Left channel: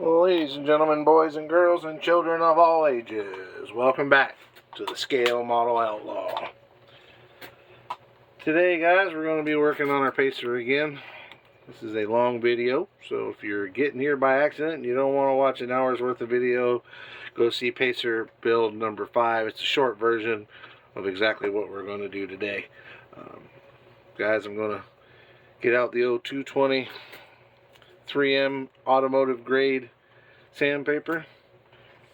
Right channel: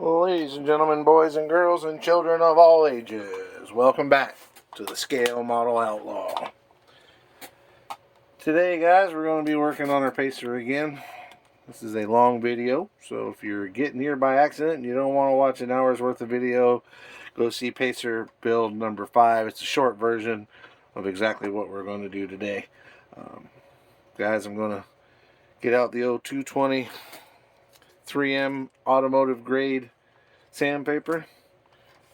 Ladies and gentlemen, boys and girls, and children of all ages, welcome back to the Scale Model Outlaw. Today, guys, we're going to be working on our pacer again. This is a long video, so if you're getting here by accident and you don't want to watch an hour's worth of video, go see pacer build number 5. It's a short version of exactly what we're going to do today. Guys, I'm going to get out the 0220 3M automotive grade sandpaper.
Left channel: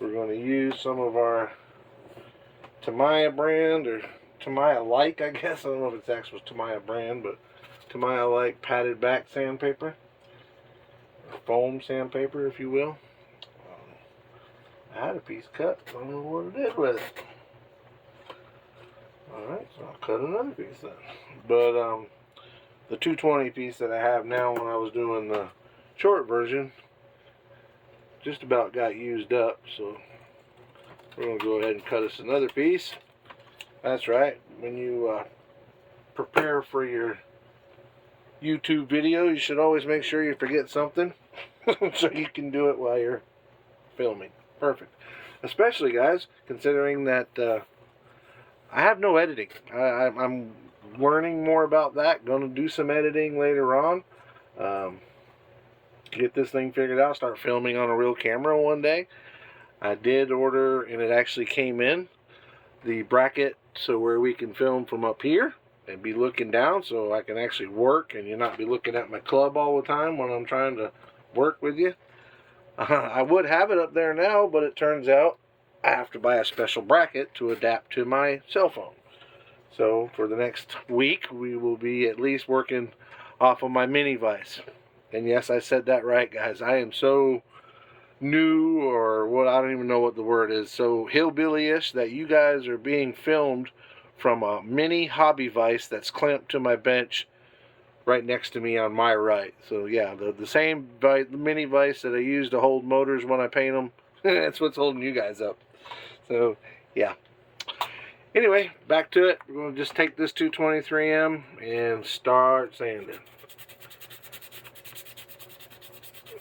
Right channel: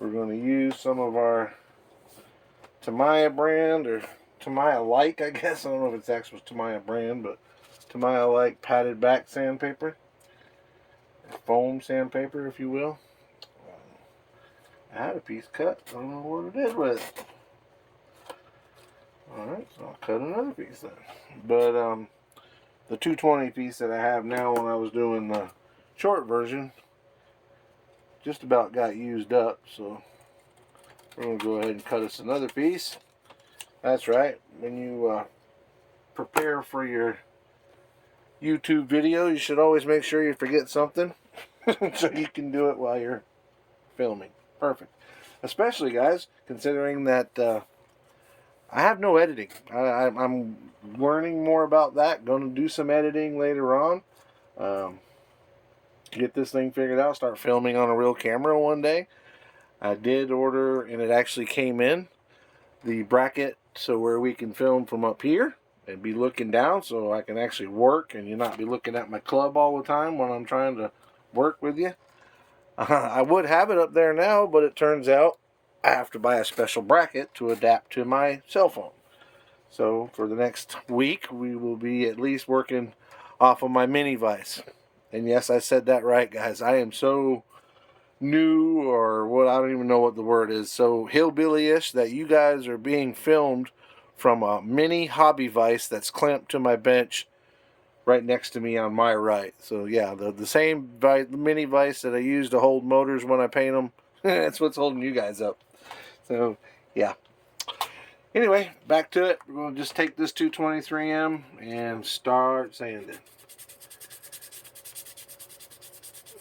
We're going to use some of our Tamiya brand, or Tamiya-like, I guess. I don't know if it's actually Tamiya brand, but Tamiya-like padded back sandpaper, or foam sandpaper, if you will. I had a piece cut. I don't know what I did with it. Alright, so I'll cut another piece then. But the 220 piece that I have now, when I was doing the short version, just about got used up, so we're going to go ahead and cut us another piece. That's right, when you prepare for your YouTube video, you should always make sure you forget something so you can do it while you're filming. Perfect. Especially, guys, considering that I have no editing. I'm learning more about that. Going to do some editing later on. Get this thing figured out, start filming on a real camera one day. I did order, and it actually came in, the bracket so where we can film from up here and be looking down, so I can actually work and you not be looking at my club all the time when I'm trying to work with you. I would have it up there now, but it turns out I have to buy a special bracket to adapt to my cell phone. So for the next week, we will be at least working off of my mini vise. And yes, I said that right, guys. I am so new, or what, I don't even know what the word is, so hillbilly-ish, that you guys are being filmed from a mini hobby vise that's clamped to my bench right next to me on my right. So yeah, the same mini vise that I use to hold motors when I paint them, that's what's holding you guys up. So yeah. Anyway, back to it. We're going to just take this 223M and start sanding.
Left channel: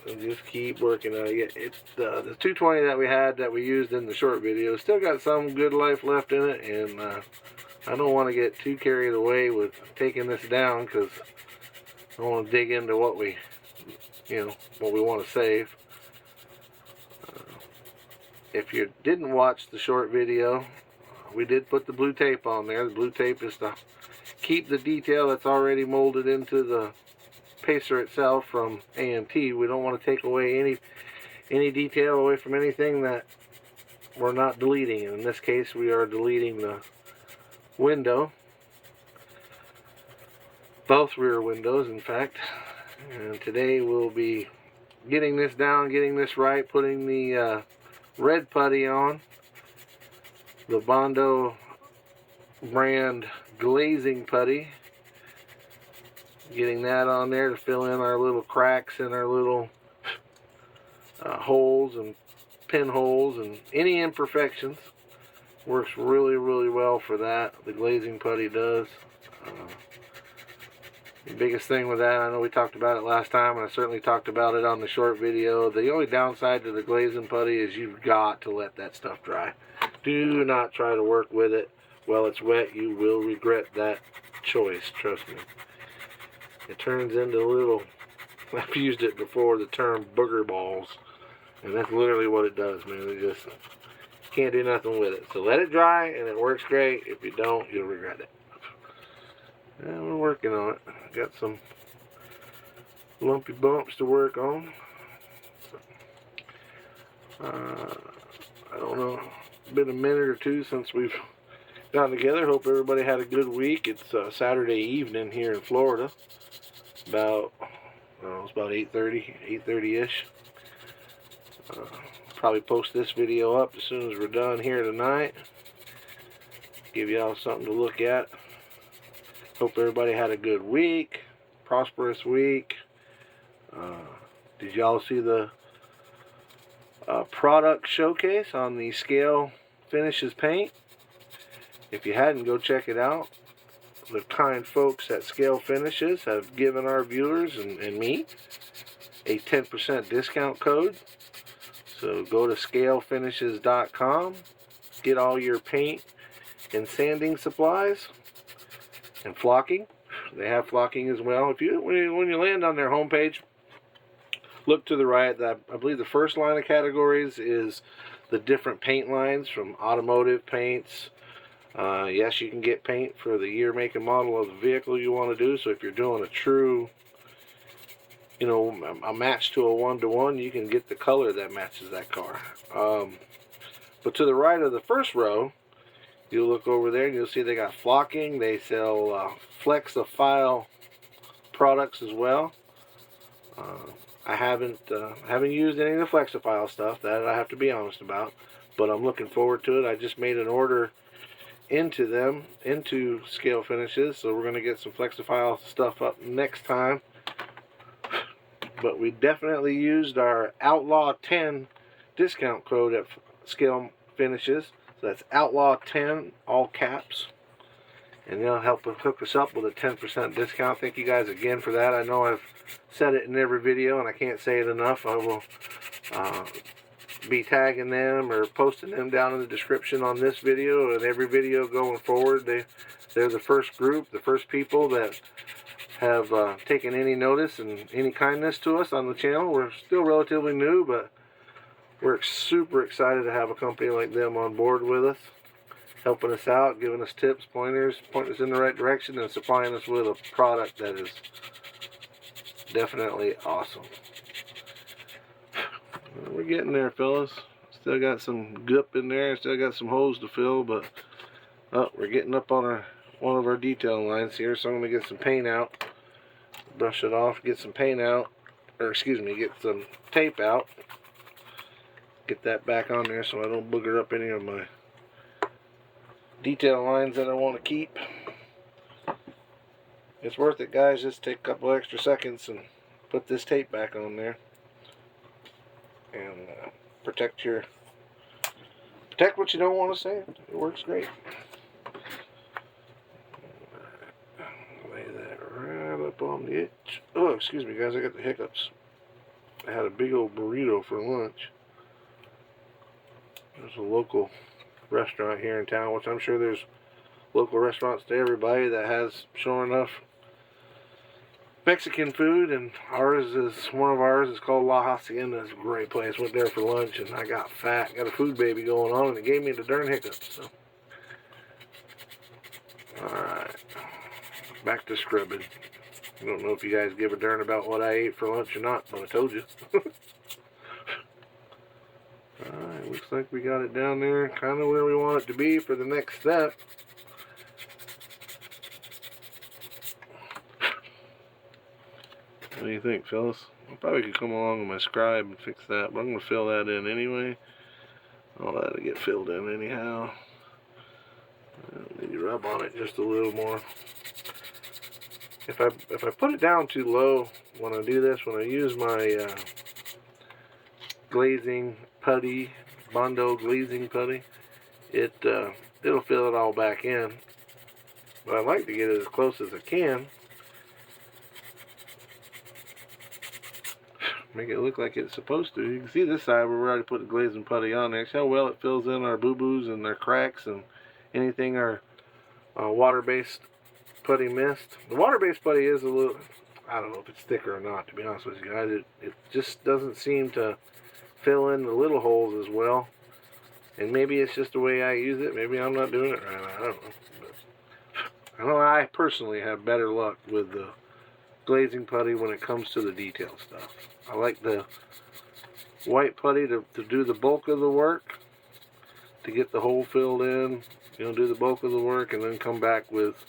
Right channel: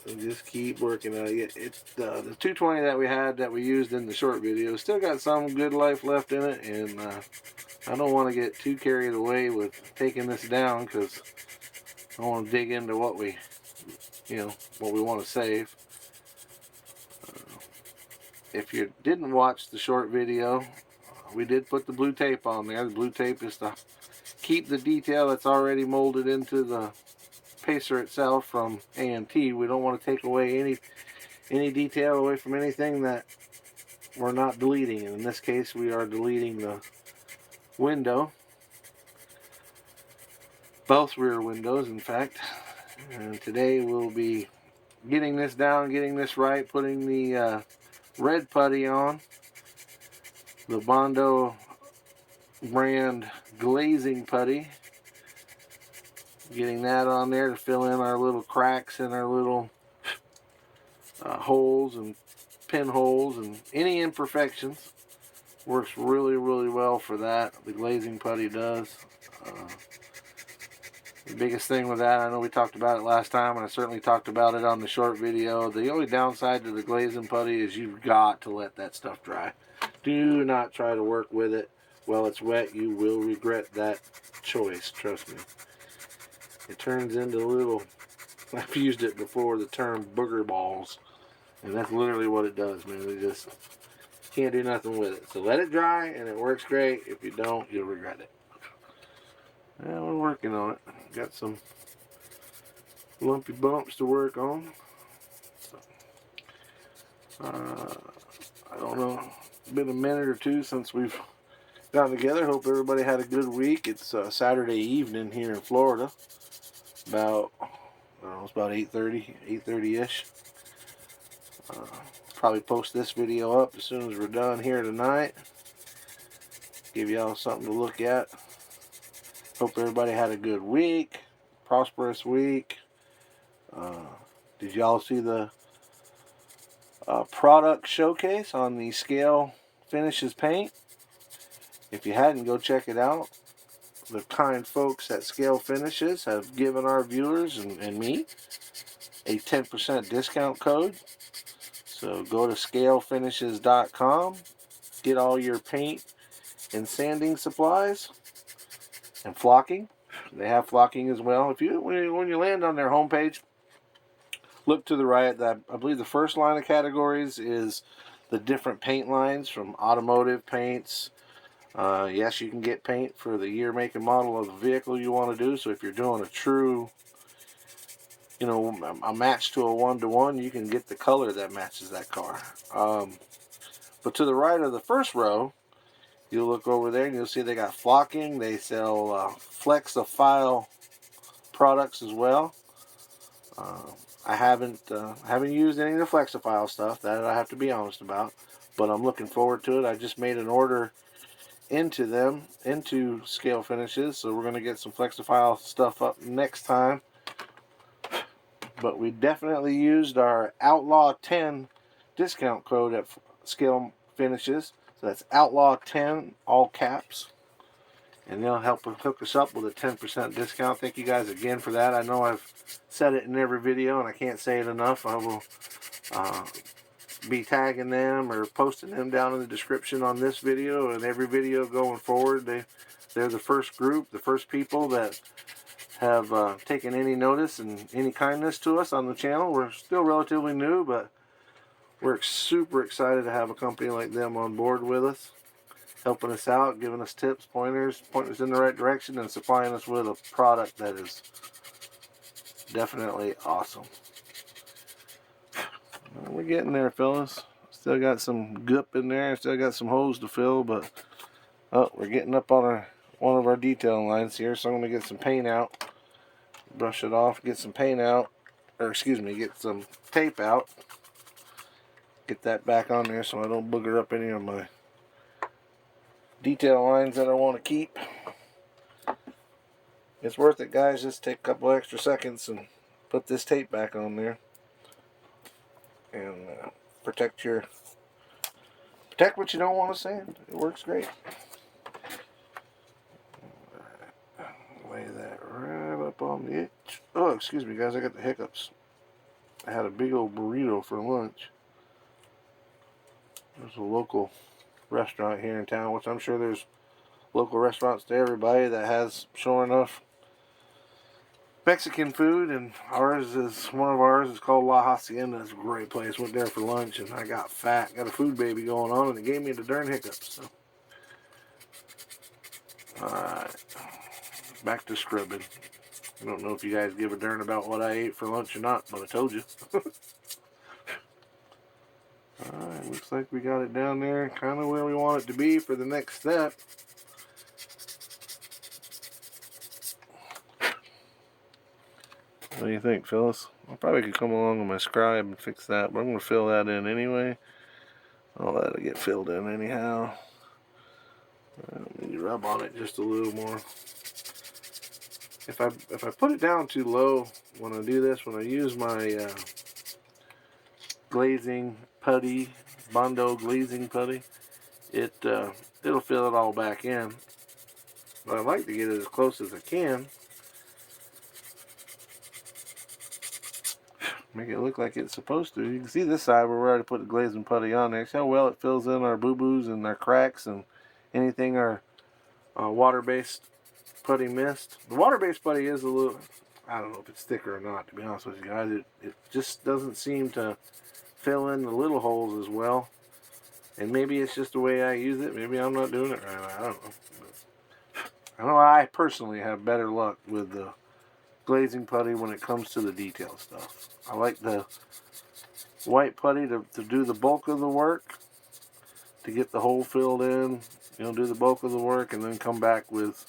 And just keep working on it. The 220 that we had, that we used in the short video, still got some good life left in it, and I don't want to get too carried away with taking this down, because I want to dig into what we want to save. If you didn't watch the short video, we did put the blue tape on there. The blue tape is to keep the detail that's already molded into the pacer itself from A&T. We don't want to take away any detail away from anything that we're not deleting. And in this case, we are deleting the window, both rear windows, in fact. And today we'll be getting this down, getting this right, putting the red putty on, the Bondo brand glazing putty. Getting that on there to fill in our little cracks and our little holes and pinholes and any imperfections. Works really, really well for that. The glazing putty does. The biggest thing with that, I know we talked about it last time, and I certainly talked about it on the short video. The only downside to the glazing putty is you've got to let that stuff dry. Do not try to work with it while it's wet. You will regret that choice, trust me. It turns into little, I've used it before, the term booger balls. And that's literally what it does, man. You just can't do nothing with it. So let it dry, and it works great. If you don't, you'll regret it. And we're working on it. Got some lumpy bumps to work on. I don't know. It's been a minute or two since we've gotten together. Hope everybody had a good week. It's Saturday evening here in Florida. About, it's about 8:30-ish. Probably post this video up as soon as we're done here tonight. Give y'all something to look at. Hope everybody had a good week, prosperous week. Did y'all see the product showcase on the Scale Finishes paint? If you hadn't, go check it out. The kind folks at Scale Finishes have given our viewers and me a 10% discount code So go to scalefinishes.com, get all your paint and sanding supplies and flocking. They have flocking as well. If you when you land on their homepage, look to the right. I believe the first line of categories is the different paint lines from automotive paints. Yes, you can get paint for the year, make, and model of the vehicle you want to do. So if you're doing a true, you know, a match to a 1-to-1, you can get the color that matches that car. But to the right of the first row, you'll look over there and you'll see they got flocking. They sell Flex-A-File products as well. I haven't used any of the Flex-A-File stuff, that I have to be honest about, but I'm looking forward to it. I just made an order into Scale Finishes, so we're going to get some Flex-A-File stuff up next time. But we definitely used our Outlaw 10 discount code at Scale Finishes. So that's Outlaw 10, all caps. And they'll help hook us up with a 10% discount. Thank you guys again for that. I know I've said it in every video and I can't say it enough. I will be tagging them or posting them down in the description on this video and every video going forward. They're the first group, the first people that have taken any notice and any kindness to us on the channel. We're still relatively new, but we're super excited to have a company like them on board with us, helping us out, giving us tips, pointers, pointing us in the right direction, and supplying us with a product that is definitely awesome. We're getting there, fellas. Still got some gup in there, still got some holes to fill, but we're getting up on one of our detail lines here, so I'm going to get some paint out, brush it off, get some paint out, or excuse me, get some tape out, get that back on there so I don't booger up any of my detail lines that I want to keep. It's worth it, guys. Just take a couple extra seconds and put this tape back on there and protect what you don't want to sand. It works great. Lay that right up on the itch. Oh, excuse me, guys, I got the hiccups. I had a big old burrito for lunch. There's a local restaurant here in town, which I'm sure there's local restaurants to everybody that has, sure enough, Mexican food, and one of ours is called La Hacienda. It's a great place. Went there for lunch and I got fat, got a food baby going on, and it gave me the darn hiccups. So, alright, back to scrubbing. I don't know if you guys give a darn about what I ate for lunch or not, but I told you. Alright, looks like we got it down there kind of where we want it to be for the next step. What do you think, fellas? I probably could come along with my scribe and fix that, but I'm going to fill that in anyway. All that'll get filled in anyhow. Maybe rub on it just a little more. If I put it down too low when I do this, when I use my glazing putty, bondo glazing putty, it'll fill it all back in. But I like to get it as close as I can. Make it look like it's supposed to. You can see this side where we already put the glazing putty on there. See how well it fills in our boo-boos and our cracks and anything our water-based putty missed. The water-based putty is a little, I don't know if it's thicker or not, to be honest with you guys. It just doesn't seem to fill in the little holes as well. And maybe it's just the way I use it. Maybe I'm not doing it right. I don't know. But I know I personally have better luck with the glazing putty when it comes to the detail stuff. I like the white putty to do the bulk of the work, to get the hole filled in, you know, do the bulk of the work, and then come back with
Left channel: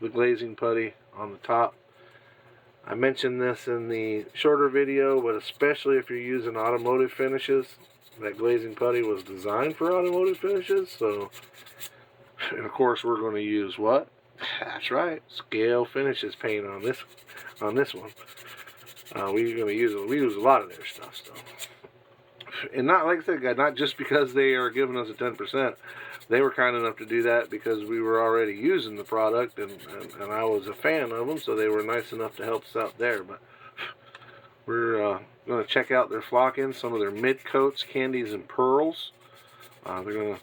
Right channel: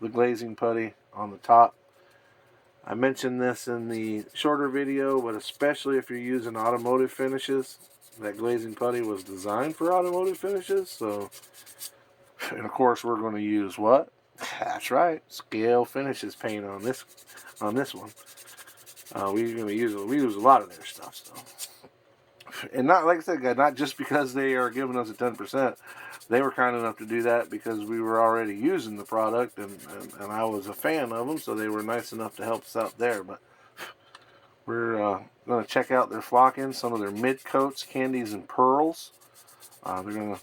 the glazing putty on the top. I mentioned this in the shorter video, but especially if you're using automotive finishes, that glazing putty was designed for automotive finishes. So, and of course, we're going to use what? That's right, Scale Finishes paint on this one. We use a lot of their stuff, so. And not, like I said, guys, not just because they are giving us a 10%. They were kind enough to do that because we were already using the product, and I was a fan of them, so they were nice enough to help us out there. But we're going to check out their flockings, some of their mid coats, candies and pearls. We're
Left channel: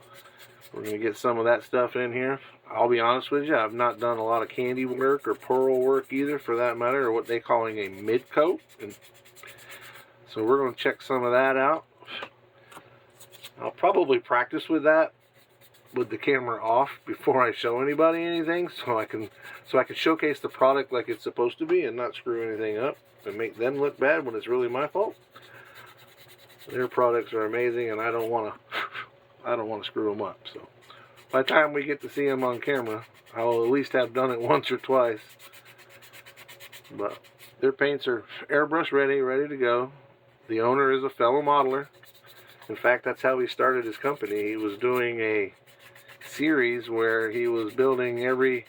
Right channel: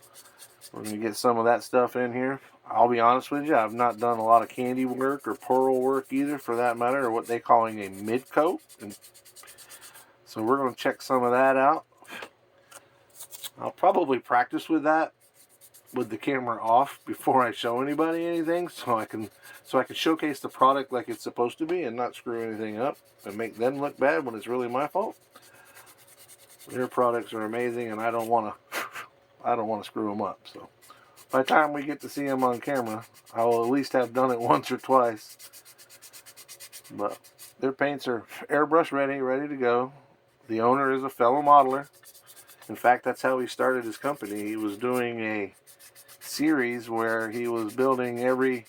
gonna get some of that stuff in here. I'll be honest with you, I've not done a lot of candy work or pearl work either, for that matter, or what they're calling a mid coat. And so we're going to check some of that out. I'll probably practice with that with the camera off before I show anybody anything, so I can showcase the product like it's supposed to be and not screw anything up and make them look bad when it's really my fault. Their products are amazing, and I don't want to screw them up. So by the time we get to see them on camera, I'll at least have done it once or twice. But their paints are airbrush ready to go. The owner is a fellow modeler. In fact, that's how he started his company. He was doing a series where he was building every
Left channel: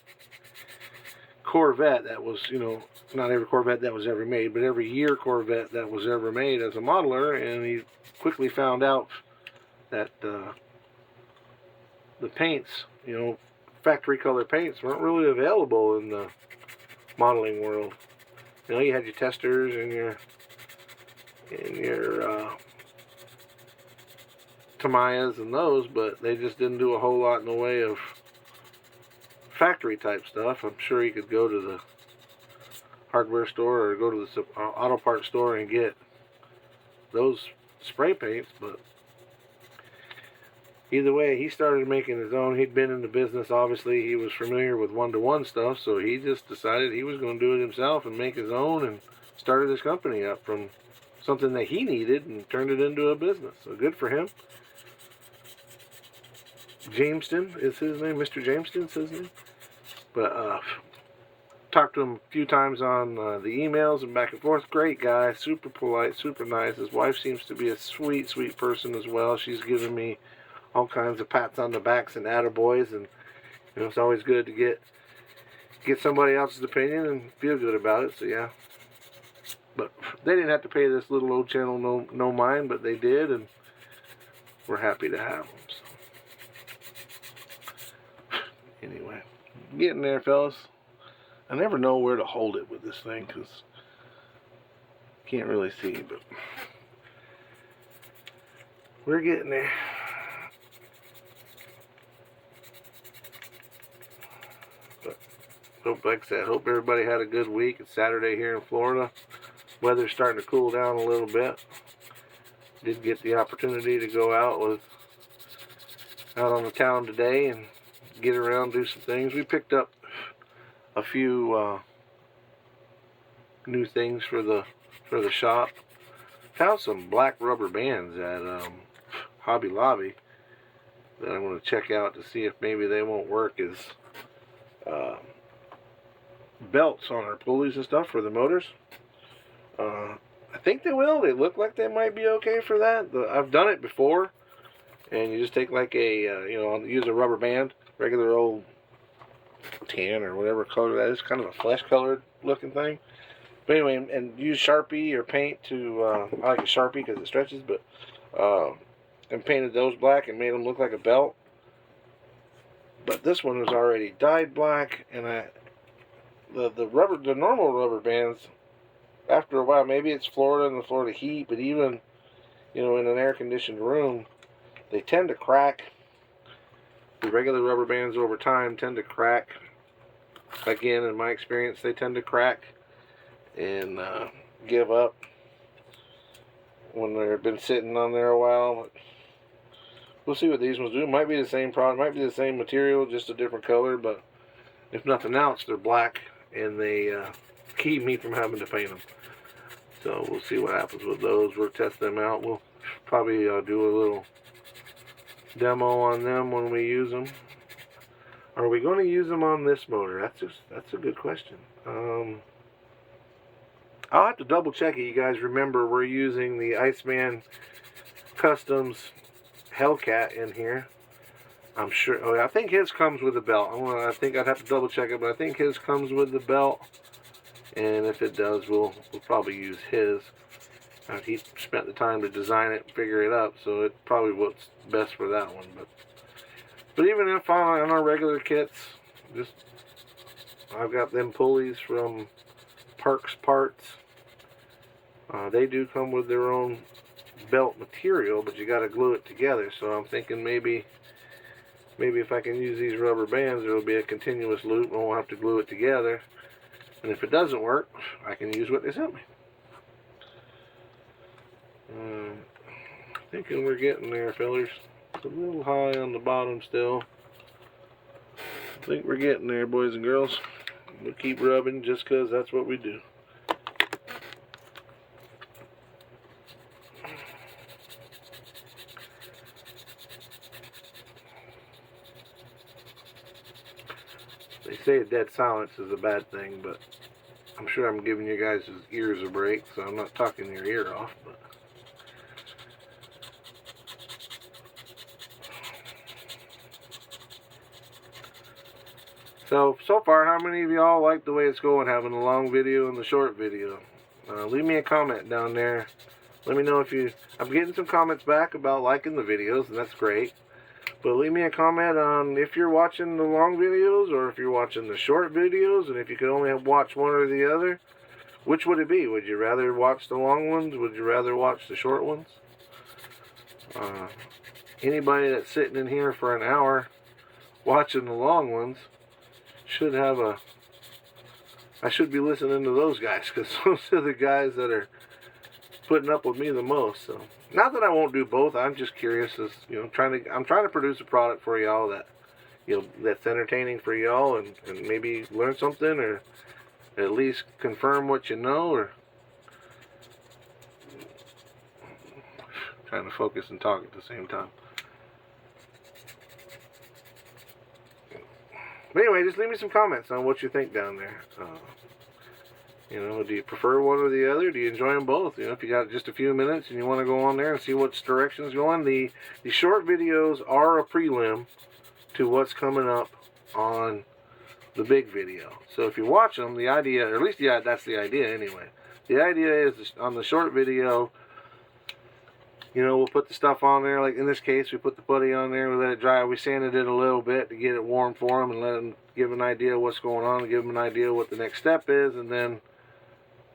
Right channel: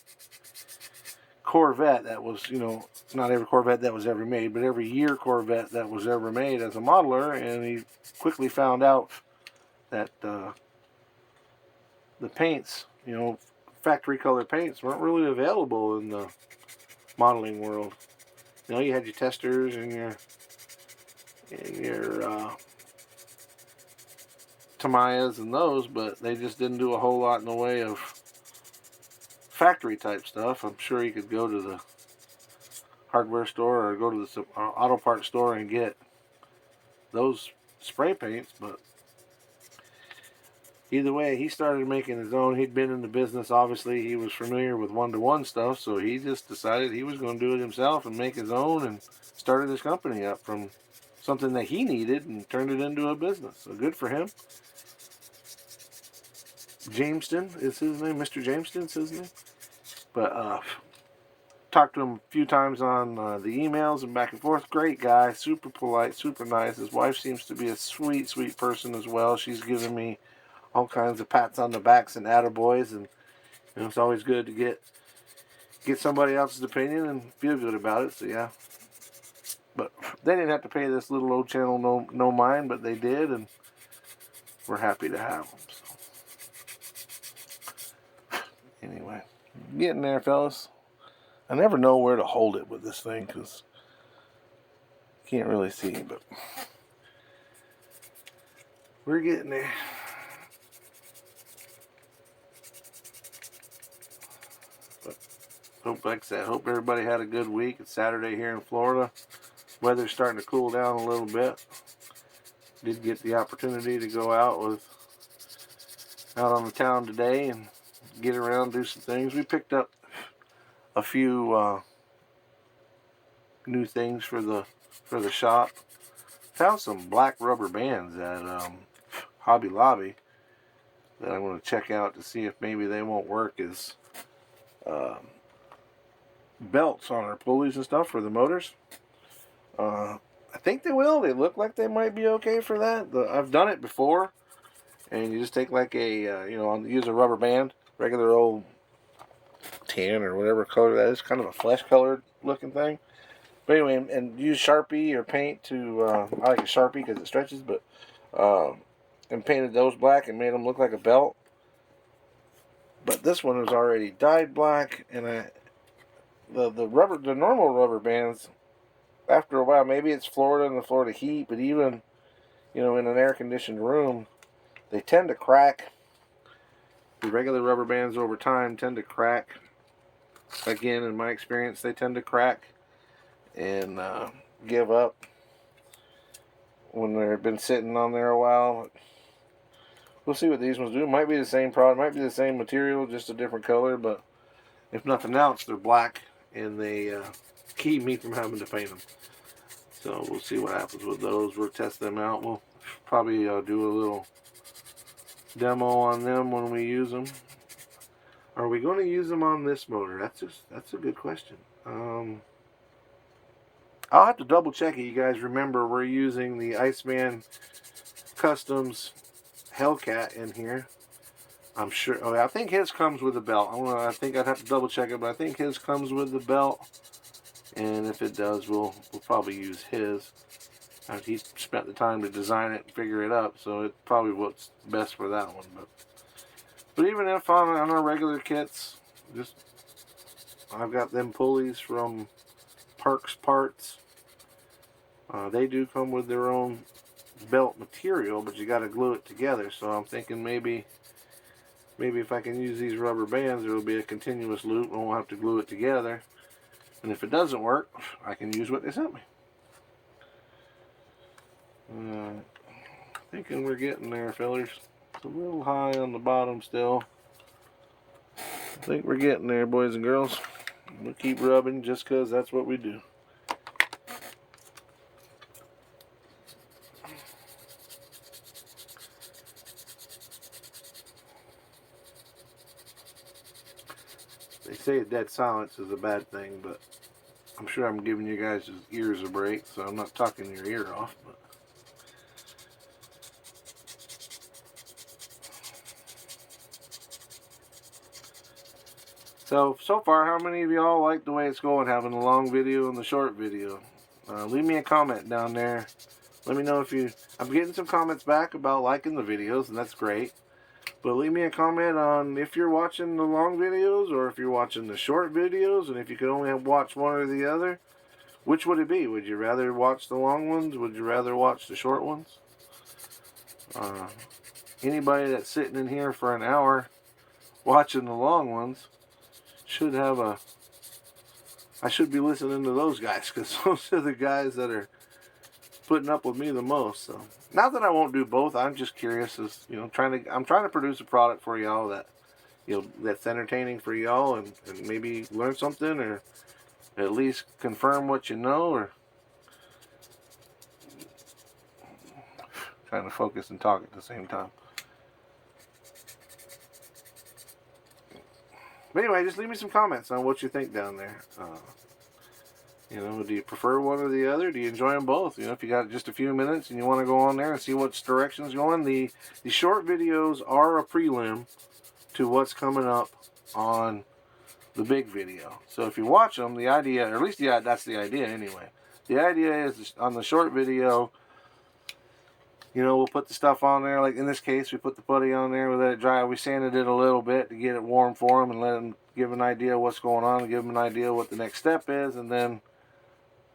Corvette that was, not every Corvette that was ever made, but every year Corvette that was ever made as a modeler, and he quickly found out that the paints, factory color paints weren't really available in the modeling world. You had your testers and your Tamayas and those, but they just didn't do a whole lot in the way of factory type stuff. I'm sure you could go to the hardware store or go to the auto parts store and get those spray paints, but either way, he started making his own. He'd been in the business, obviously. He was familiar with one-to-one stuff, so he just decided he was going to do it himself and make his own, and started his company up from something that he needed and turned it into a business. So good for him. Jameston is his name. Mr. Jameston's his name. But talked to him a few times on the emails and back and forth. Great guy, super polite, super nice. His wife seems to be a sweet, sweet person as well. She's given me all kinds of pats on the backs and attaboys, and it's always good to get somebody else's opinion and feel good about it. So yeah, but they didn't have to pay this little old channel no mind, but they did, and we're happy to have them. So anyway, getting there, fellas. I never know where to hold it with this thing because can't really see, but we're getting there. Like I said, hope everybody had a good week. It's Saturday here in Florida. Weather's starting to cool down a little bit. Did get the opportunity to go out on the town today and get around, do some things. We picked up a few new things for the shop. Found some black rubber bands at Hobby Lobby that I'm going to check out to see if maybe they won't work as belts on our pulleys and stuff for the motors. I think they will. They look like they might be okay for that. I've done it before, and you just take like a use a rubber band, regular old tan or whatever color that is, kind of a flesh colored looking thing. But anyway, and use Sharpie or paint to I like a Sharpie because it stretches, but and painted those black and made them look like a belt. But this one was already dyed black, and the normal rubber bands, after a while, maybe it's Florida and the Florida heat, but even in an air conditioned room, they tend to crack. The regular rubber bands over time tend to crack. Again, in my experience, they tend to crack and give up when they've been sitting on there a while. We'll see what these ones do. Might be the same product, might be the same material, just a different color, but if nothing else, they're black, and they keep me from having to paint them. So we'll see what happens with those. We'll test them out. We'll probably do a little demo on them when we use them. Are we going to use them on this motor? That's a good question. I'll have to double check it. You guys remember we're using the Iceman Customs Hellcat in here. I'm sure. Oh, I think his comes with a belt. I think I'd have to double check it, but I think his comes with the belt. And if it does, we'll probably use his. He spent the time to design it and figure it up, so it's probably what's best for that one. But even if on our regular kits, I've got them pulleys from Parks Parts. They do come with their own belt material, but you got to glue it together. So I'm thinking maybe if I can use these rubber bands, there will be a continuous loop and I won't have to glue it together. And if it doesn't work, I can use what they sent me. Thinking we're getting there, fellers. It's a little high on the bottom still. I think we're getting there, boys and girls. We'll keep rubbing just because that's what we do. They say dead silence is a bad thing, but I'm sure I'm giving you guys' ears a break, so I'm not talking your ear off. But so far, how many of y'all like the way it's going, having the long video and the short video? Leave me a comment down there. Let me know if you... I'm getting some comments back about liking the videos, and that's great. But leave me a comment on if you're watching the long videos or if you're watching the short videos, and if you could only watch one or the other, which would it be? Would you rather watch the long ones? Would you rather watch the short ones? Anybody that's sitting in here for an hour watching the long ones should have a... I should be listening to those guys, because those are the guys that are putting up with me the most. So not that I won't do both. I'm just curious, as I'm trying to produce a product for y'all that that's entertaining for y'all, and maybe learn something, or at least confirm what you know, or trying to focus and talk at the same time. But anyway, just leave me some comments on what you think down there. Do you prefer one or the other? Do you enjoy them both? If you got just a few minutes and you want to go on there and see which direction's going. The short videos are a prelim to what's coming up on the big video. So if you watch them, the idea, or at least that's the idea anyway. The idea is on the short video, we'll put the stuff on there. Like in this case, we put the putty on there, we let it dry. We sanded it a little bit to get it warm for them and let them give an idea of what's going on, give them an idea what the next step is, and then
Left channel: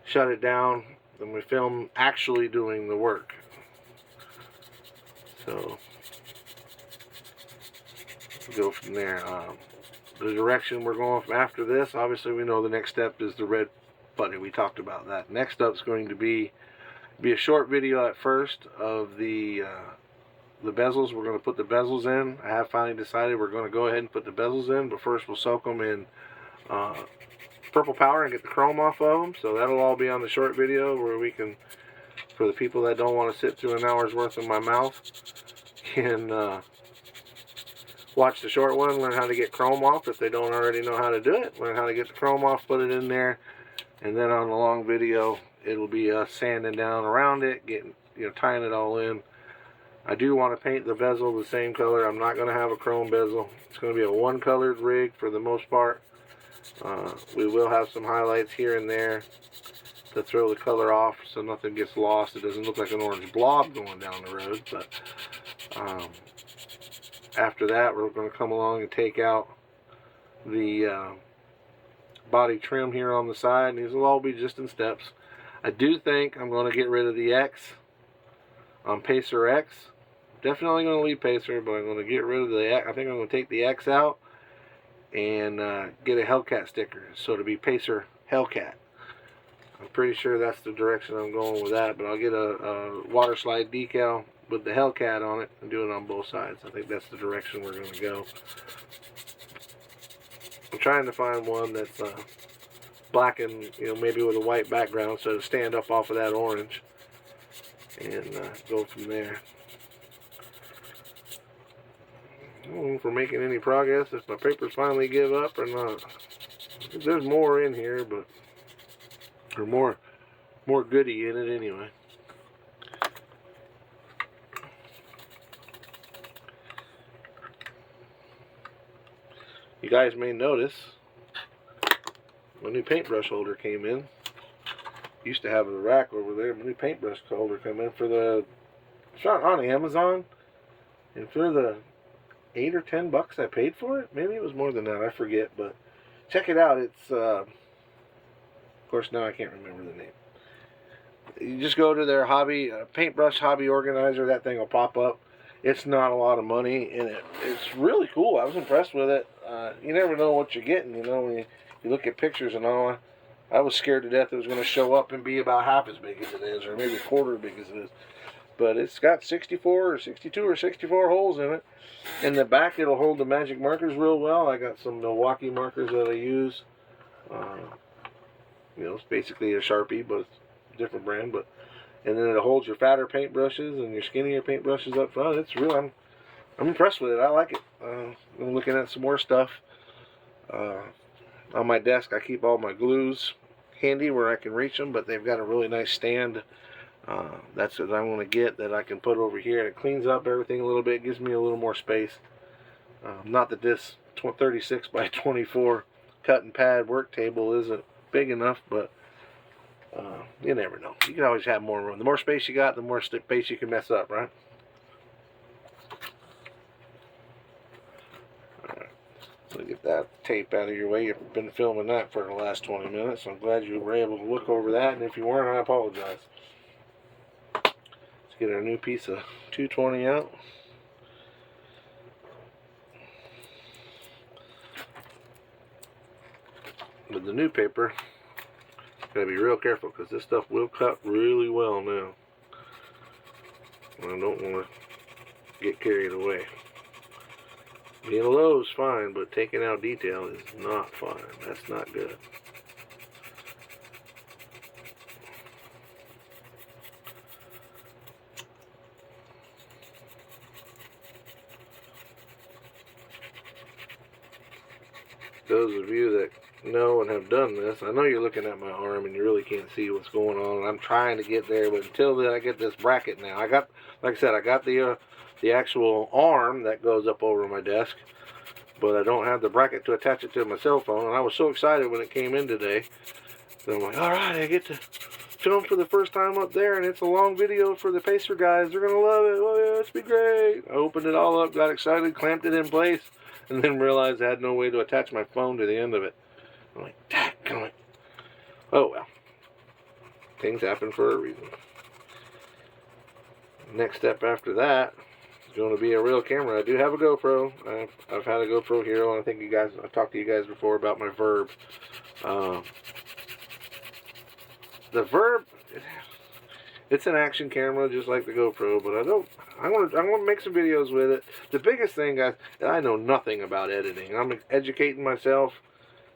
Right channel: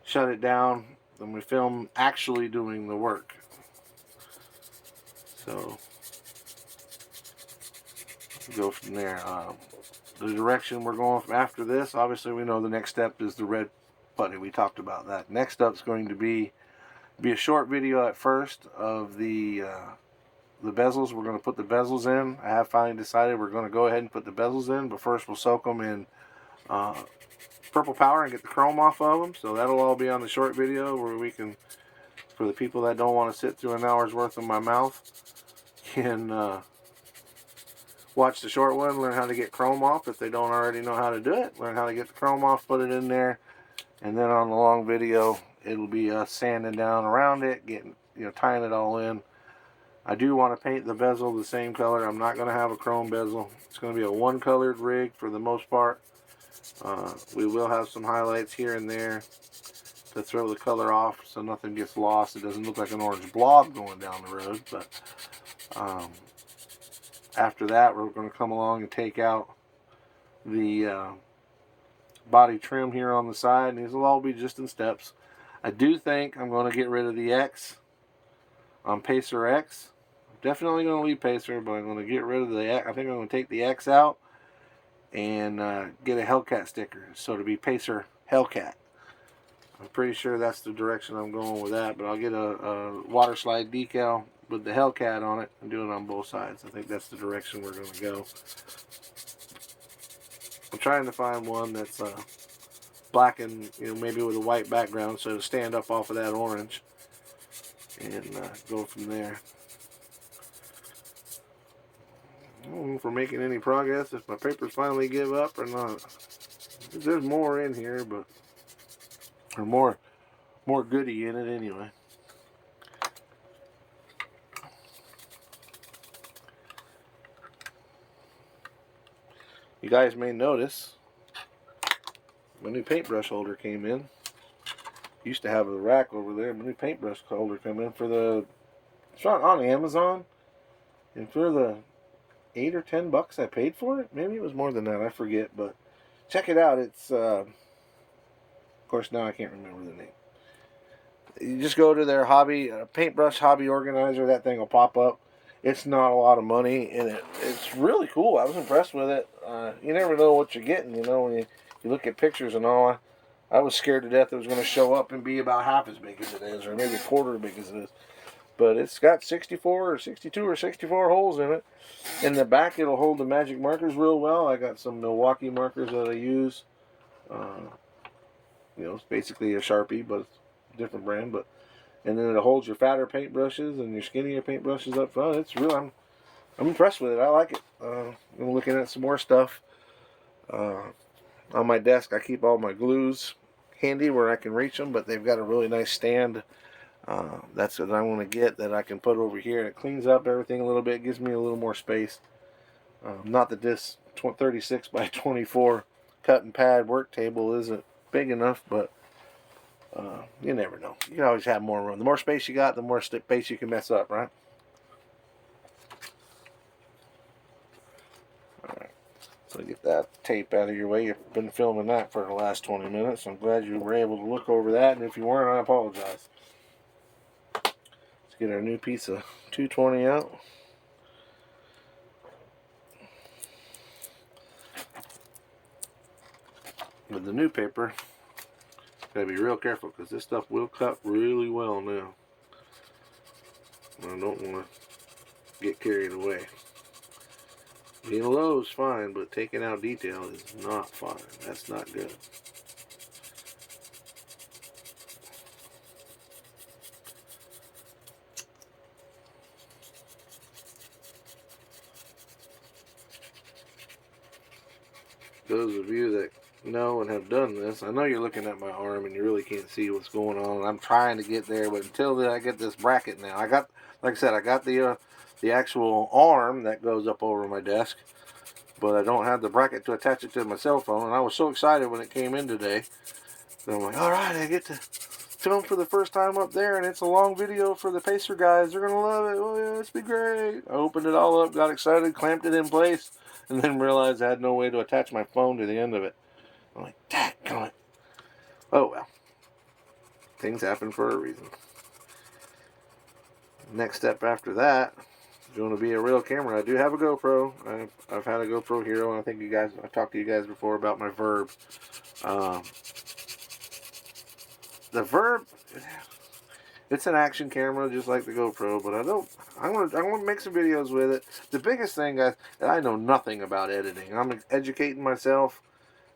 shut it down. Then we film actually doing the work. So go from there. The direction we're going from after this, obviously we know the next step is the red putty. We talked about that. Next up is going to be a short video at first of the bezels. We're going to put the bezels in. I have finally decided we're going to go ahead and put the bezels in, but first we'll soak them in purple powder and get the chrome off of them. So that'll all be on the short video, where we can, for the people that don't want to sit through an hour's worth of my mouth, can watch the short one, learn how to get chrome off if they don't already know how to do it, learn how to get the chrome off, put it in there, and then on the long video it'll be sanding down around it, getting tying it all in. I do want to paint the bezel the same color. I'm not going to have a chrome bezel. It's going to be a one colored rig for the most part. We will have some highlights here and there to throw the color off so nothing gets lost. It doesn't look like an orange blob going down the road. But after that, we're going to come along and take out the body trim here on the side, and these will all be just in steps. I do think I'm going to get rid of the X on Pacer X. Definitely going to leave Pacer, but I'm going to get rid of the X. I think I'm going to take the X out and get a Hellcat sticker, so to be Pacer Hellcat. I'm pretty sure that's the direction I'm going with that, but I'll get a water slide decal with the Hellcat on it and do it on both sides. I think that's the direction we're going to go. I'm trying to find one that's black and maybe with a white background, so to stand up off of that orange, and go from there. I don't know if we're making any progress, if my papers finally give up or not. There's more in here, but or more goodie in it anyway. You guys may notice my new paintbrush holder came in. Used to have the rack over there. My new paintbrush holder come in for the... It's on Amazon, and for the $8 or $10 I paid for it. Maybe it was more than that. I forget, but check it out. It's of course now I can't remember the name. You just go to their hobby, paintbrush hobby organizer, that thing will pop up. It's not a lot of money, and it's really cool. I was impressed with it. You never know what you're getting, you know, when you look at pictures and all. I was scared to death it was going to show up and be about half as big as it is, or maybe a quarter as big as it is. But it's got 64 or 62 or 64 holes in it. In the back, it'll hold the magic markers real well. I got some Milwaukee markers that I use. You know, it's basically a Sharpie, but it's a different brand. But and then it holds your fatter paintbrushes and your skinnier paintbrushes up front. It's real. I'm impressed with it. I like it. I'm looking at some more stuff. On my desk, I keep all my glues handy where I can reach them, but they've got a really nice stand. That's what I want to get, that I can put over here. It cleans up everything a little bit, gives me a little more space. Not that this 36 by 24 cut and pad work table isn't big enough, but you never know. You can always have more room. The more space you got, the more space you can mess up, right? Alright, so get that tape out of your way. You've been filming that for the last 20 minutes. I'm glad you were able to look over that, and if you weren't, I apologize. Let's get our new piece of 220 out. With the new paper, gotta be real careful because this stuff will cut really well now. I don't want to get carried away. Being low is fine, but taking out detail is not fine. That's not good. Those of you that know and have done this, I know you're looking at my arm and you really can't see what's going on. I'm trying to get there, but until then I get this bracket now. I got, like I said, I got the actual arm that goes up over my desk, but I don't have the bracket to attach it to my cell phone. And I was so excited when it came in today. So I'm like, all right, I get to film for the first time up there, and it's a long video for the Pacer guys. They're gonna love it. Oh yeah, it's be great. I opened it all up, got excited, clamped it in place, and then realized I had no way to attach my phone to the end of it. I'm like, dadgummit. Oh well. Things happen for a reason. Next step after that is going to be a real camera. I do have a GoPro. I've had a GoPro Hero. I think you guys, I've talked to you guys before about my Verb. The Verb, it's an action camera just like the GoPro, but I want to make some videos with it. The biggest thing, guys, I know nothing about editing. I'm educating myself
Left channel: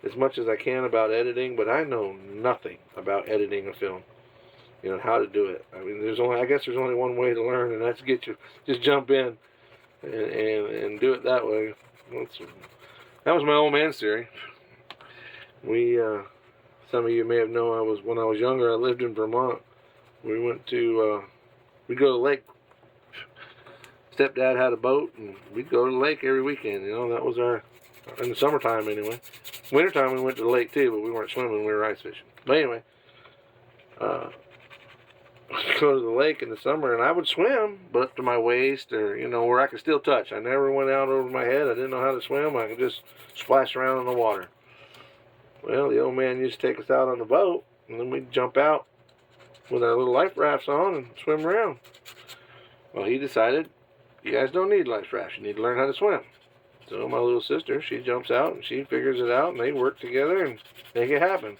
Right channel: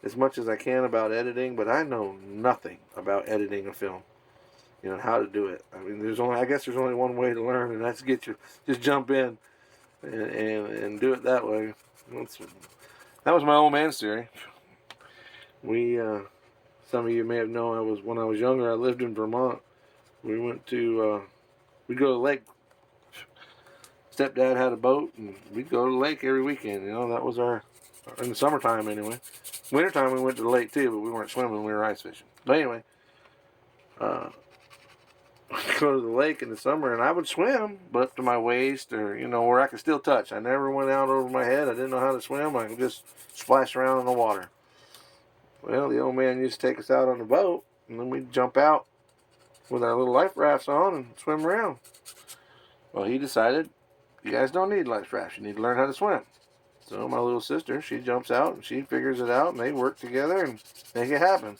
as much as I can about editing, but I know nothing about editing a film. You know, how to do it. I mean, I guess there's only one way to learn, and that's just jump in and do it that way. That was my old man's theory. Some of you may have known, when I was younger, I lived in Vermont. We went to, we'd go to the lake. Stepdad had a boat, and we'd go to the lake every weekend. You know, that was in the summertime anyway. Wintertime we went to the lake too, but we weren't swimming, we were ice fishing. But anyway, we'd go to the lake in the summer, and I would swim, but up to my waist, or, you know, where I could still touch. I never went out over my head. I didn't know how to swim. I could just splash around in the water. Well, the old man used to take us out on the boat, and then we'd jump out with our little life rafts on and swim around. Well, he decided, you guys don't need life rafts. You need to learn how to swim. So my little sister, she jumps out, and she figures it out, and they work together and make it happen.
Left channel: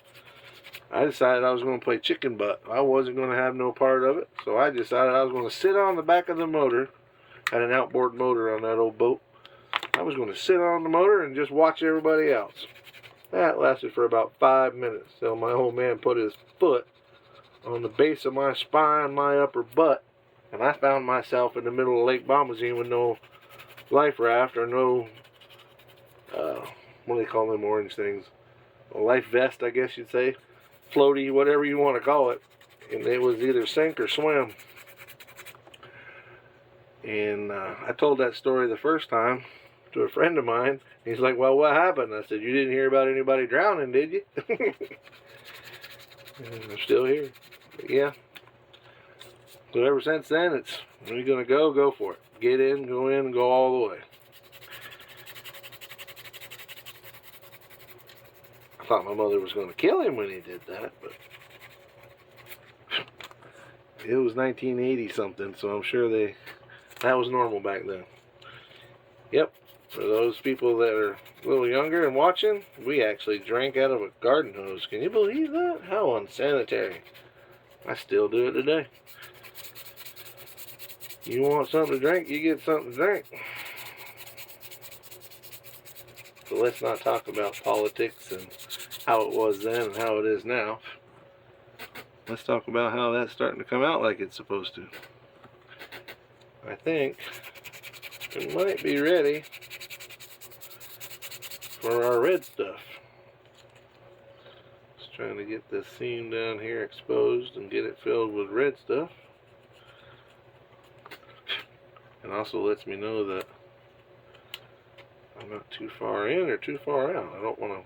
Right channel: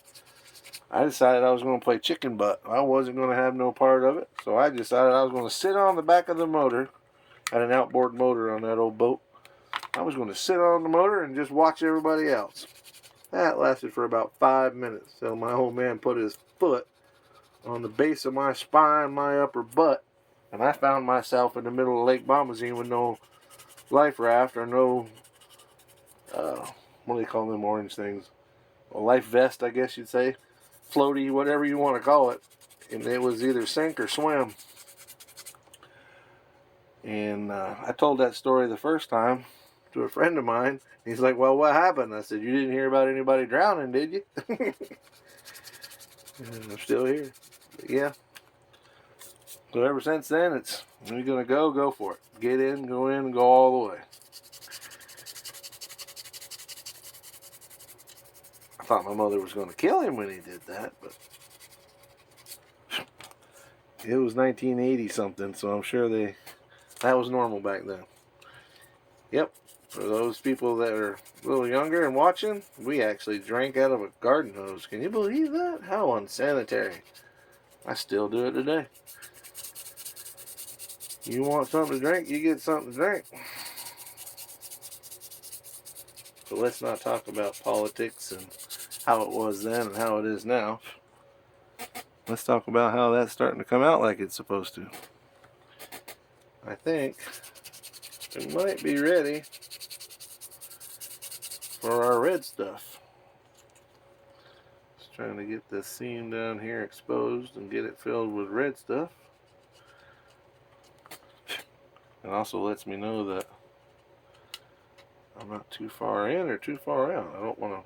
I decided I was going to play chicken butt. I wasn't going to have no part of it, so I decided I was going to sit on the back of the motor. Had an outboard motor on that old boat. I was going to sit on the motor and just watch everybody else. That lasted for about 5 minutes. So my old man put his foot on the base of my spine, my upper butt, and I found myself in the middle of Lake Bombazine with no life raft or no, what do they call them orange things? A life vest, I guess you'd say. Floaty, whatever you want to call it. And it was either sink or swim. And I told that story the first time to a friend of mine. He's like, well, what happened? I said, you didn't hear about anybody drowning, did you? I'm still here. But yeah. So ever since then, it's, when you're going to go for it. Get in, and go all the way. I thought my mother was going to kill him when he did that, but it was 1980 something, so I'm sure that was normal back then. Yep, for those people that are a little younger and watching, we actually drank out of a garden hose. Can you believe that? How unsanitary. I still do it today. You want something to drink, you get something to drink. But let's not talk about politics and how it was then and how it is now. Let's talk about how that's starting to come out like it's supposed to. I think we might be ready for our red stuff. Just trying to get this seam down here exposed and get it filled with red stuff. And also lets me know that I'm not too far in or too far out. I don't want to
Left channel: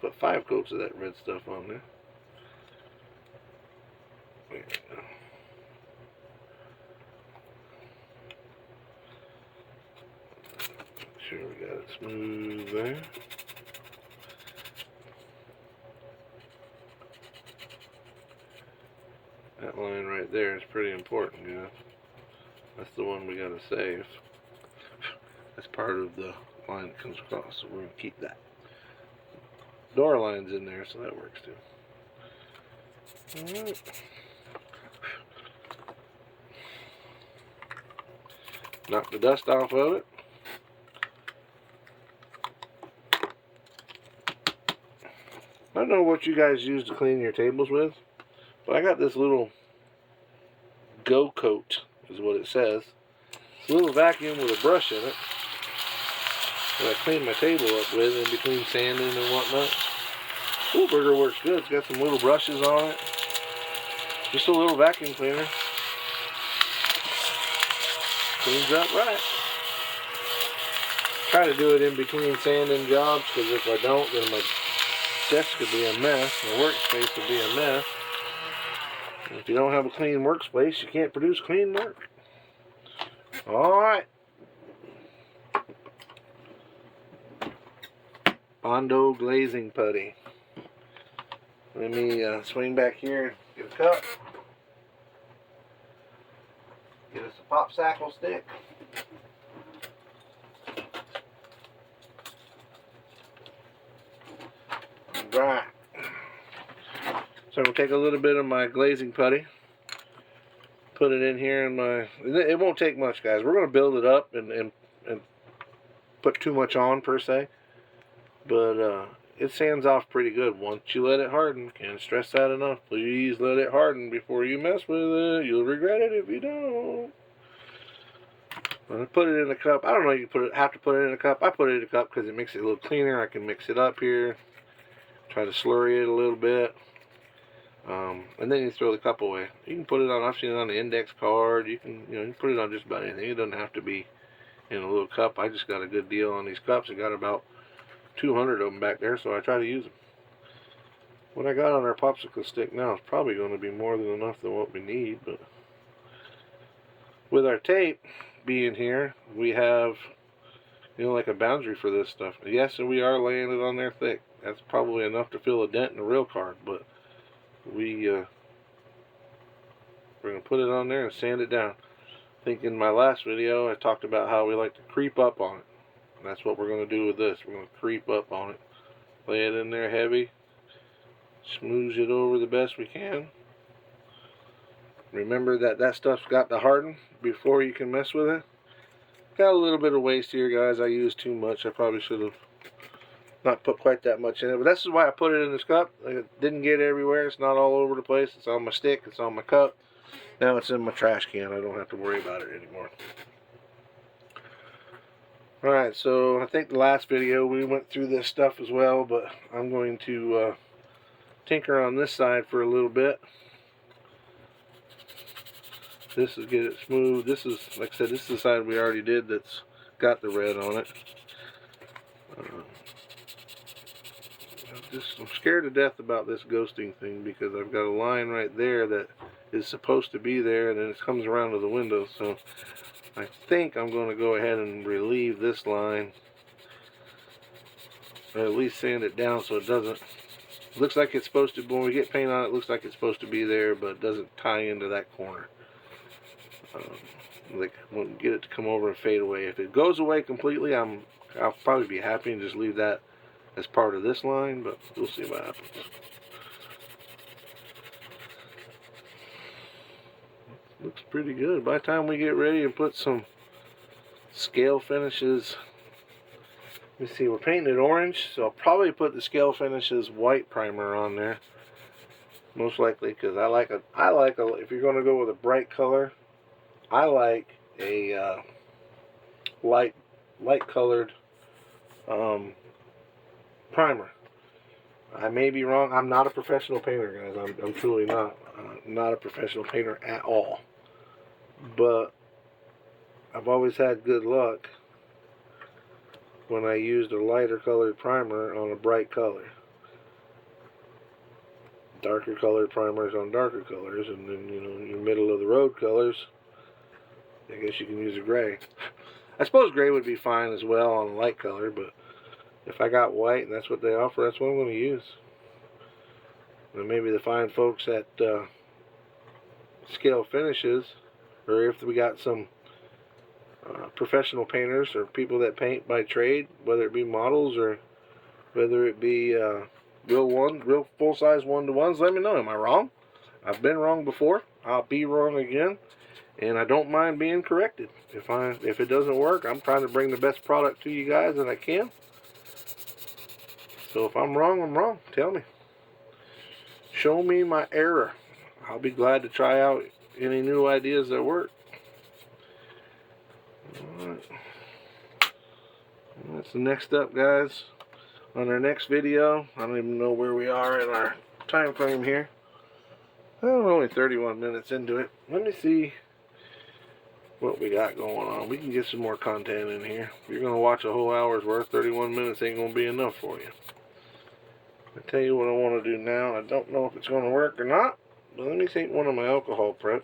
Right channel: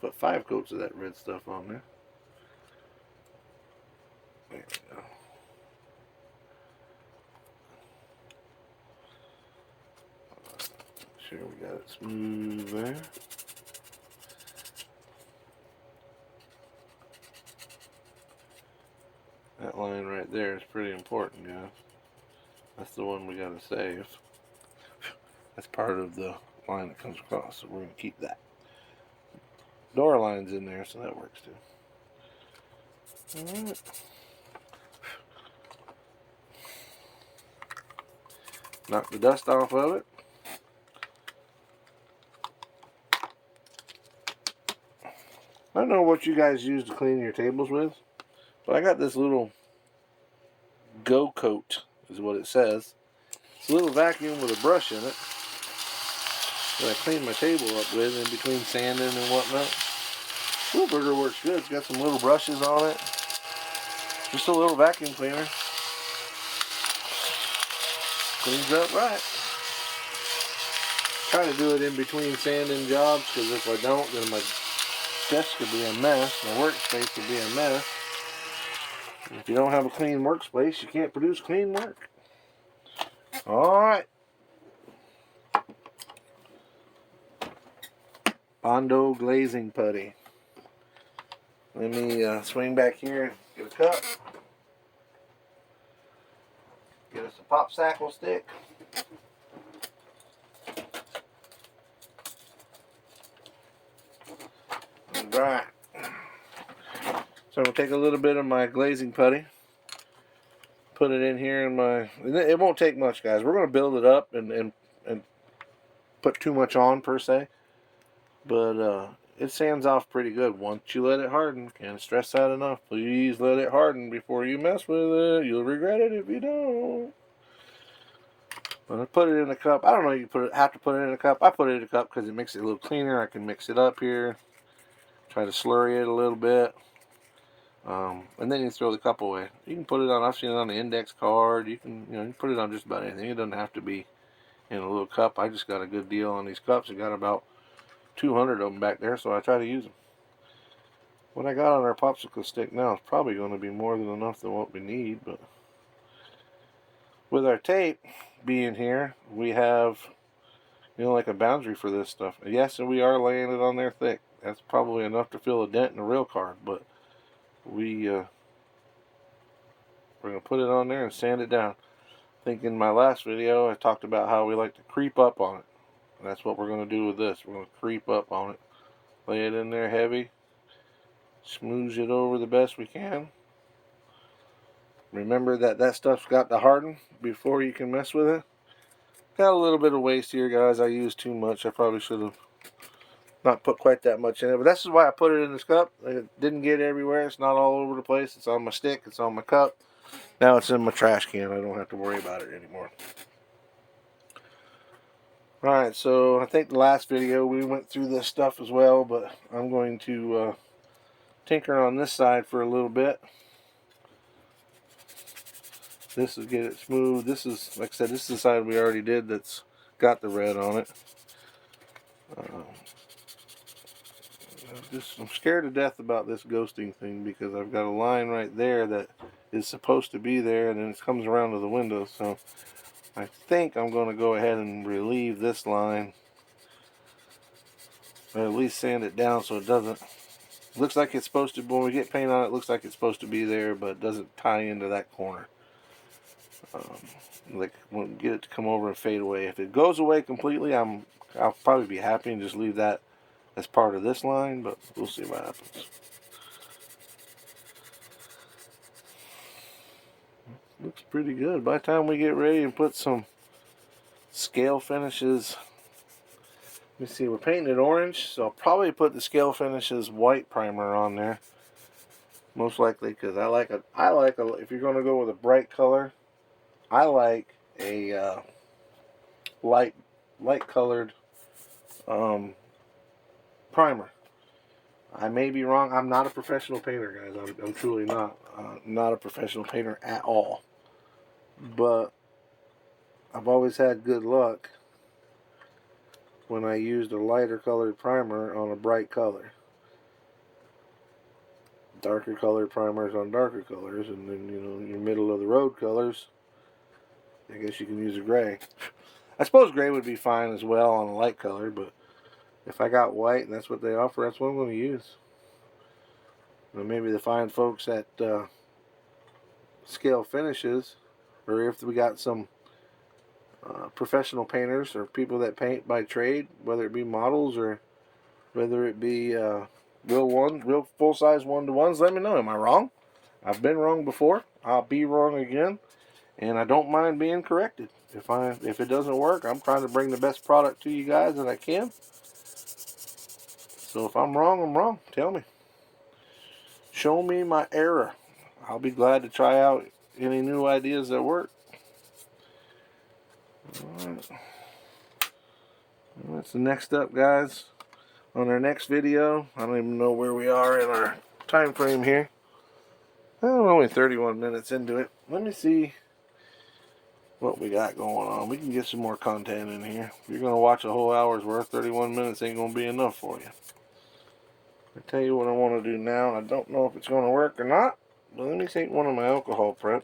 put 5 coats of that red stuff on there. There we go. Make sure we got it smooth there. That line right there is pretty important, guys. That's the one we gotta save. That's part of the line that comes across, so we're gonna keep that. Door line's in there, so that works too. Alright. Knock the dust off of it. I don't know what you guys use to clean your tables with, but I got this little Go Coat, is what it says. It's a little vacuum with a brush in it that I clean my table up with in between sanding and whatnot. Burger works good. It's got some little brushes on it. Just a little vacuum cleaner. Cleans up right. Try to do it in between sanding jobs, because if I don't, then my desk could be a mess. My workspace could be a mess. If you don't have a clean workspace, you can't produce clean work. Alright. Bondo glazing putty. Let me swing back here and get a cup. Get us a popsicle stick. Right. So I'm going to take a little bit of my glazing putty, put it in here in my, it won't take much, guys. We're going to build it up and put too much on per se, but it sands off pretty good once you let it harden. Can't stress that enough. Please let it harden before you mess with it. You'll regret it if you don't. I'm going to put it in a cup. I don't know if you have to put it in a cup. I put it in a cup because it makes it a little cleaner. I can mix it up here. Try to slurry it a little bit. And then you throw the cup away. You can put it on, I've seen it on the index card. You can, you can put it on just about anything. It doesn't have to be in a little cup. I just got a good deal on these cups. I got about 200 of them back there, so I try to use them. What I got on our popsicle stick now is probably going to be more than enough than what we need, but with our tape being here, we have, like a boundary for this stuff. Yes, and we are laying it on there thick. That's probably enough to fill a dent in a real card, but we're going to put it on there and sand it down. I think in my last video I talked about how we like to creep up on it. And that's what we're going to do with this. We're going to creep up on it. Lay it in there heavy. Smooth it over the best we can. Remember that stuff's got to harden before you can mess with it. Got a little bit of waste here, guys. I used too much. I probably should have not put quite that much in it, but this is why I put it in this cup. It didn't get everywhere. It's not all over the place. It's on my stick. It's on my cup. Now it's in my trash can. I don't have to worry about it anymore. Alright, so I think the last video we went through this stuff as well, but I'm going to tinker on this side for a little bit. This is get it smooth. This is, like I said, this is the side we already did that's got the red on it. I'm scared to death about this ghosting thing because I've got a line right there that is supposed to be there, and then it comes around to the window. So I think I'm going to go ahead and relieve this line, or at least sand it down so it doesn't Looks like it's supposed to, when we get paint on it, looks like it's supposed to be there, but it doesn't tie into that corner. Like, we'll get it to come over and fade away. If it goes away completely, I'll probably be happy and just leave that as part of this line, but we'll see what happens. Looks pretty good. By the time we get ready and put some scale finishes, let me see, we're painting it orange, so I'll probably put the scale finishes white primer on there. Most likely, because I like a, if you're going to go with a bright color, I like a light colored primer. I may be wrong. I'm not a professional painter, guys. I'm truly not a professional painter at all. But I've always had good luck when I used a lighter colored primer on a bright color. Darker colored primers on darker colors, and then, you know, your middle of the road colors, I guess you can use a gray. I suppose gray would be fine as well on a light color, but if I got white and that's what they offer, that's what I'm going to use. And maybe the fine folks at Scale Finishes, or if we got some professional painters or people that paint by trade, whether it be models or whether it be real full-size one-to-ones, let me know. Am I wrong? I've been wrong before. I'll be wrong again, and I don't mind being corrected. If it doesn't work, I'm trying to bring the best product to you guys that I can. So if I'm wrong, I'm wrong. Tell me. Show me my error. I'll be glad to try out any new ideas that work. Alright. That's the next up, guys. On our next video, I don't even know where we are in our time frame here. I'm only 31 minutes into it. Let me see what we got going on. We can get some more content in here. If you're going to watch a whole hour's worth, 31 minutes ain't going to be enough for you. I'll tell you what I want to do now, and I don't know if it's going to work or not, but let me take one of my alcohol preps.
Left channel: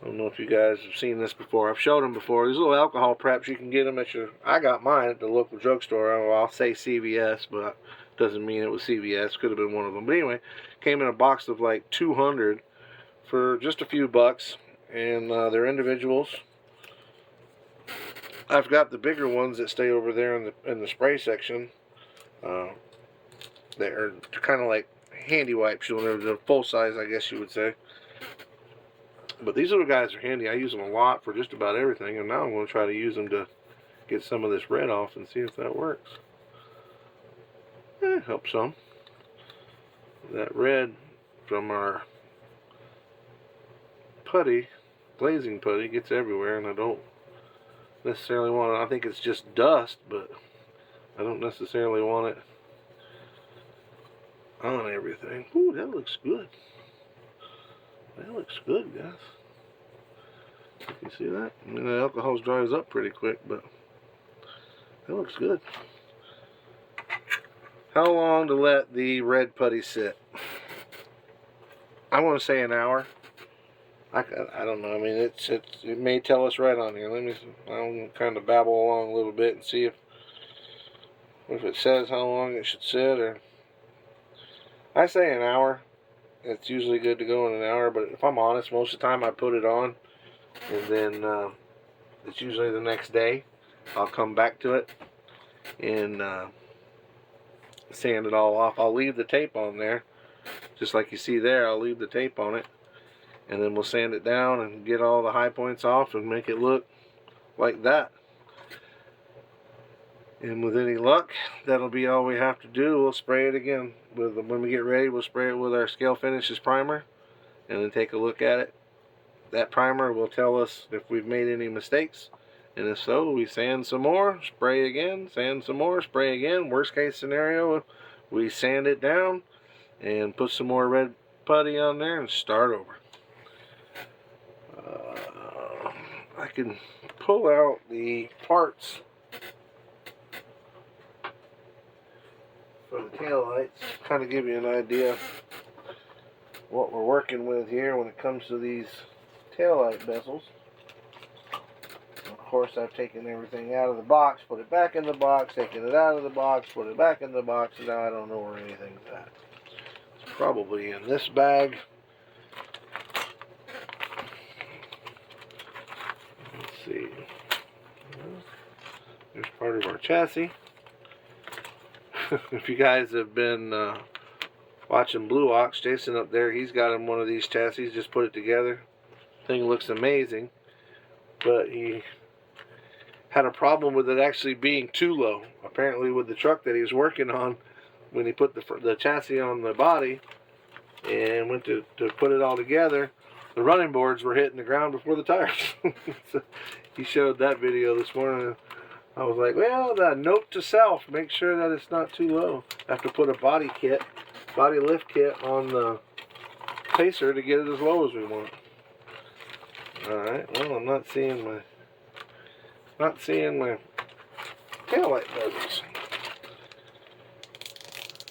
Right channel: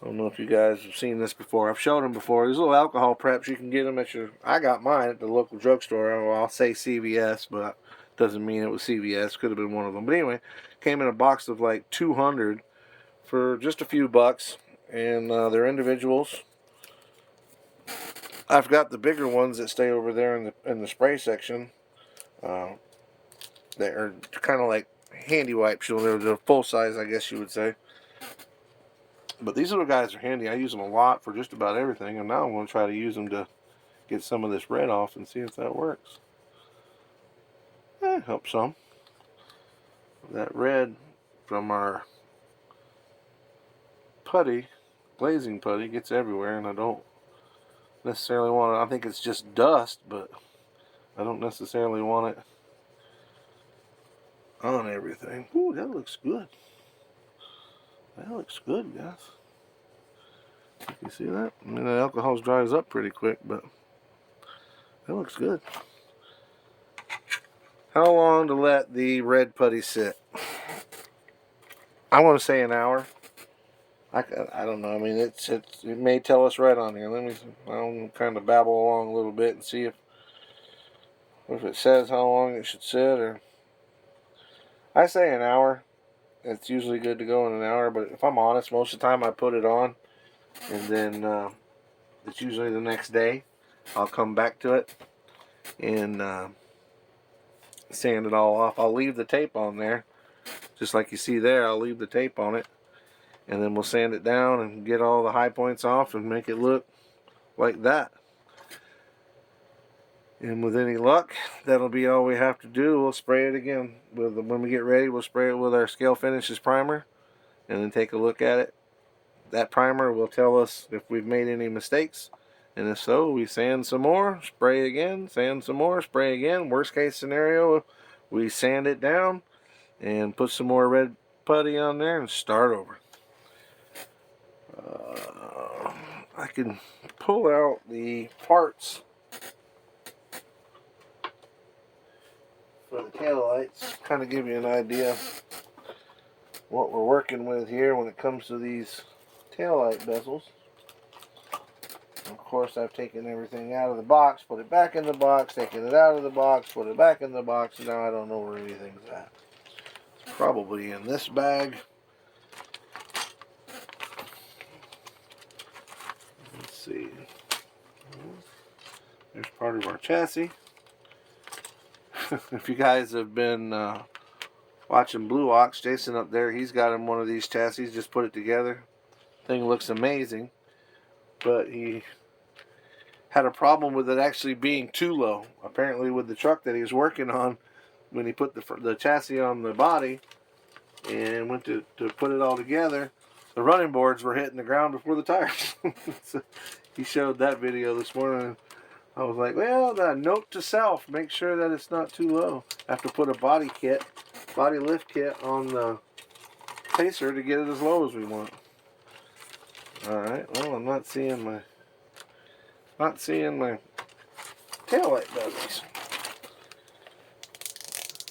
I don't know if you guys have seen this before. I've showed them before. These little alcohol preps, you can get them at your... I got mine at the local drugstore. Well, I'll say CVS, but doesn't mean it was CVS. Could have been one of them. But anyway, came in a box of like 200 for just a few bucks, and they're individuals. I've got the bigger ones that stay over there in the spray section. They are kind of like handy wipes. They're full size, I guess you would say. But these little guys are handy. I use them a lot for just about everything, and now I'm going to try to use them to get some of this red off and see if that works. Helps some. That red from our putty, glazing putty, gets everywhere, and I don't necessarily want it. I think it's just dust, but I don't necessarily want it on everything. Ooh, that looks good. That looks good, guys. You see that? I mean, the alcohol dries up pretty quick, but that looks good. How long to let the red putty sit? I want to say an hour. I don't know. I mean, it may tell us right on here. Let me. I'll kind of babble along a little bit and see if it says how long it should sit. Or I say an hour. It's usually good to go in an hour, but if I'm honest, most of the time I put it on, and then it's usually the next day I'll come back to it and sand it all off. I'll leave the tape on there, just like you see there. I'll leave the tape on it, and then we'll sand it down and get all the high points off and make it look like that. And with any luck, that'll be all we have to do. We'll spray it again. When we get ready, we'll spray it with our Scale Finishes primer and then take a look at it. That primer will tell us if we've made any mistakes, and if so, we sand some more, spray again, sand some more, spray again. Worst case scenario, we sand it down and put some more red putty on there and start over. I can pull out the parts for the taillights, kind of give you an idea of what we're working with here when it comes to these taillight bezels. course, I've taken everything out of the box, put it back in the box, taken it out of the box, put it back in the box, and now I don't know where anything's at. It's probably in this bag. Let's see. There's part of our chassis. If you guys have been watching Blue Ox, Jason up there, he's got him one of these chassis, just put it together. Thing looks amazing, but he had a problem with it actually being too low. Apparently with the truck that he was working on, when he put the chassis on the body and went to put it all together, the running boards were hitting the ground before the tires. So he showed that video this morning. I was like, well, the note to self, make sure that it's not too low. I have to put a body lift kit on the pacer to get it as low as we want. Alright, well, I'm not seeing my taillight bezels.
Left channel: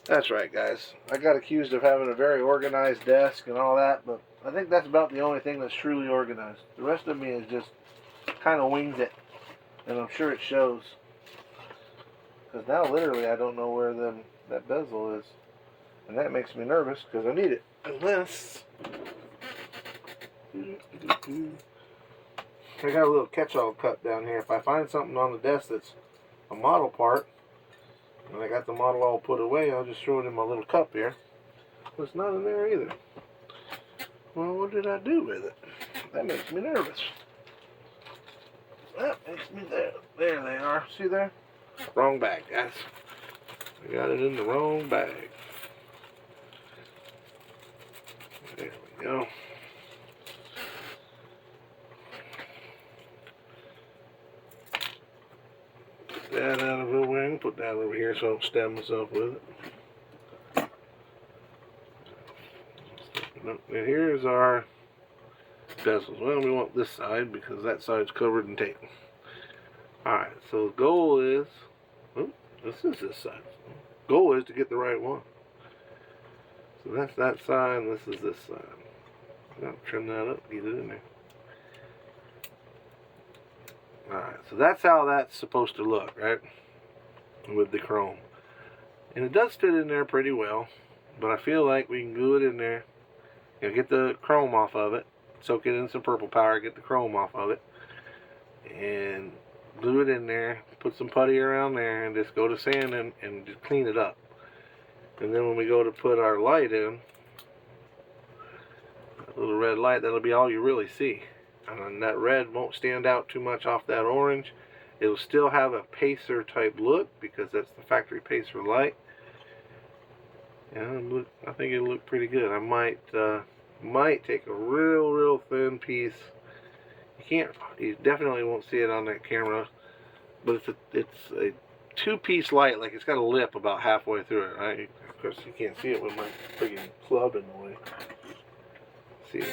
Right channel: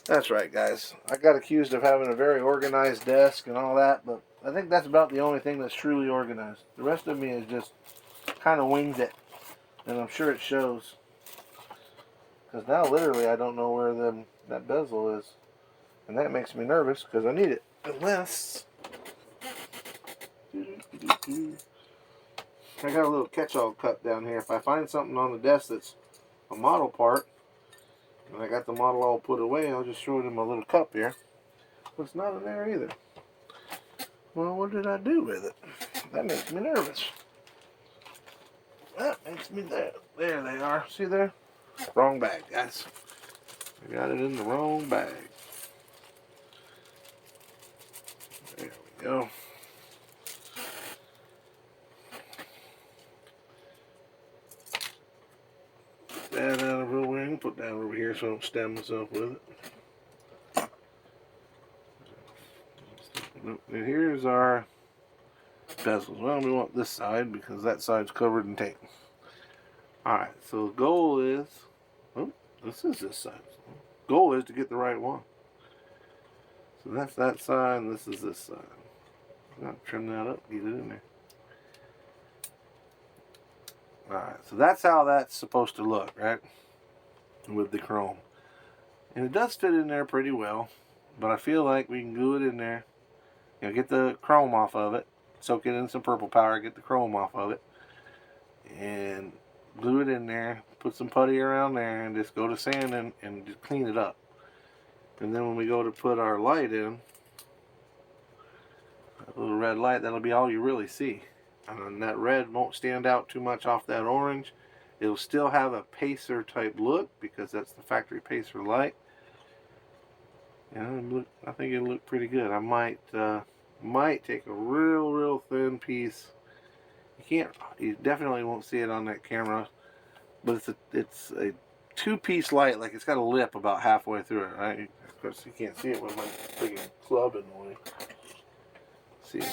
That's right, guys. I got accused of having a very organized desk and all that, but I think that's about the only thing that's truly organized. The rest of me is just kind of winged it, and I'm sure it shows. Because now, literally, I don't know where that bezel is, and that makes me nervous because I need it. Unless I got a little catch-all cup down here. If I find something on the desk that's a model part, and I got the model all put away, I'll just throw it in my little cup here. But it's not in there either. Well, what did I do with it? That makes me nervous. That makes me there. There they are. See there? Wrong bag, guys. I got it in the wrong bag. There we go. Put that out of the way. Put that over here so I don't stab myself with it. And here's our bezels. Well, we want this side because that side's covered in tape. Alright, so the goal is, oh, this is this side. Goal is to get the right one. So that's that side, and this is this side. I'll trim that up, get it in there. Alright, so that's how that's supposed to look, right? With the chrome. And it does fit in there pretty well, but I feel like we can glue it in there. You know, get the chrome off of it, soak it in some purple powder, get the chrome off of it, and glue it in there, put some putty around there, and just go to sand and just clean it up. And then when we go to put our light in, a little red light, that'll be all you really see. And that red won't stand out too much off that orange. It'll still have a pacer type look because that's the factory pacer light. And I think it'll look pretty good. I might take a real thin piece. You definitely won't see it on that camera, but it's a two-piece light. Like, it's got a lip about halfway through it, right? Of course, you can't see it with my big club in the way. See,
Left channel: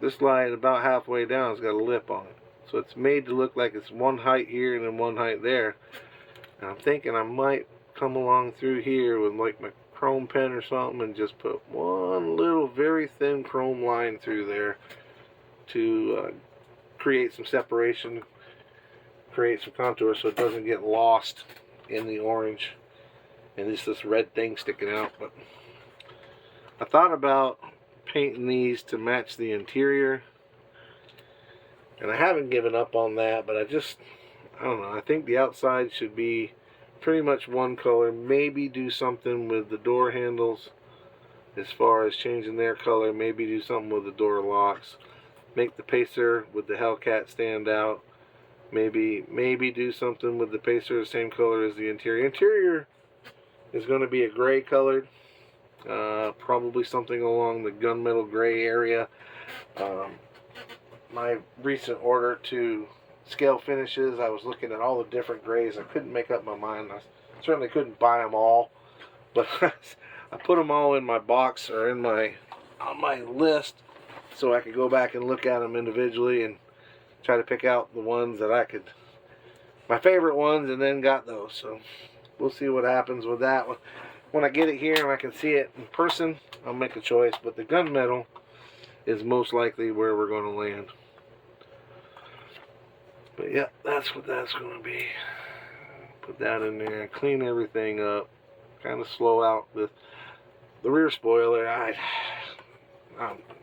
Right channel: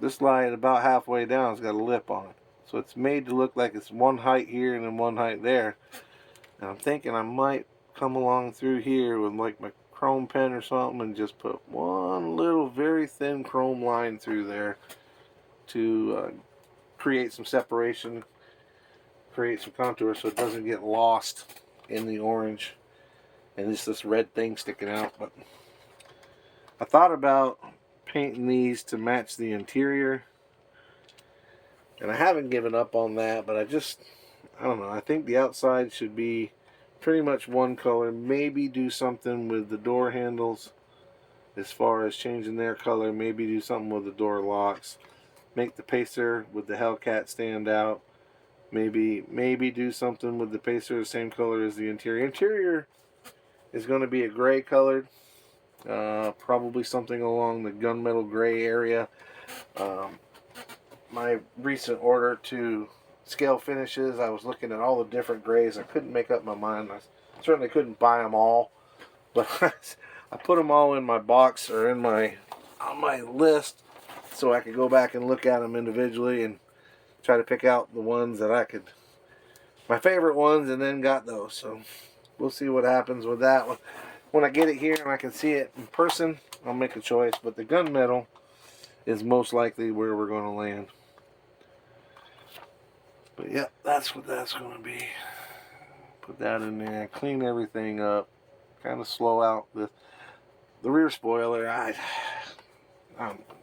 this light about halfway down has got a lip on it, so it's made to look like it's one height here and then one height there. And I'm thinking I might come along through here with like my chrome pen or something and just put one little very thin chrome line through there to create some separation, create some contour so it doesn't get lost in the orange and it's this red thing sticking out. But I thought about painting these to match the interior, and I haven't given up on that, but I don't know, I think the outside should be pretty much one color. Maybe do something with the door handles as far as changing their color. Maybe do something with the door locks. Make the pacer with the Hellcat stand out. Maybe do something with the pacer the same color as the interior. Interior is going to be a gray colored. Probably something along the gunmetal gray area. My recent order to Scale Finishes, I was looking at all the different grays. I couldn't make up my mind. I certainly couldn't buy them all, but I put them all in my box or on my list so I could go back and look at them individually and try to pick out the ones that my favorite ones, and then got those. So we'll see what happens with that one. When I get it here and I can see it in person, I'll make a choice, but the gunmetal is most likely where we're going to land. But yeah, that's what that's going to be. Put that in there, clean everything up, kind of slow out the rear spoiler.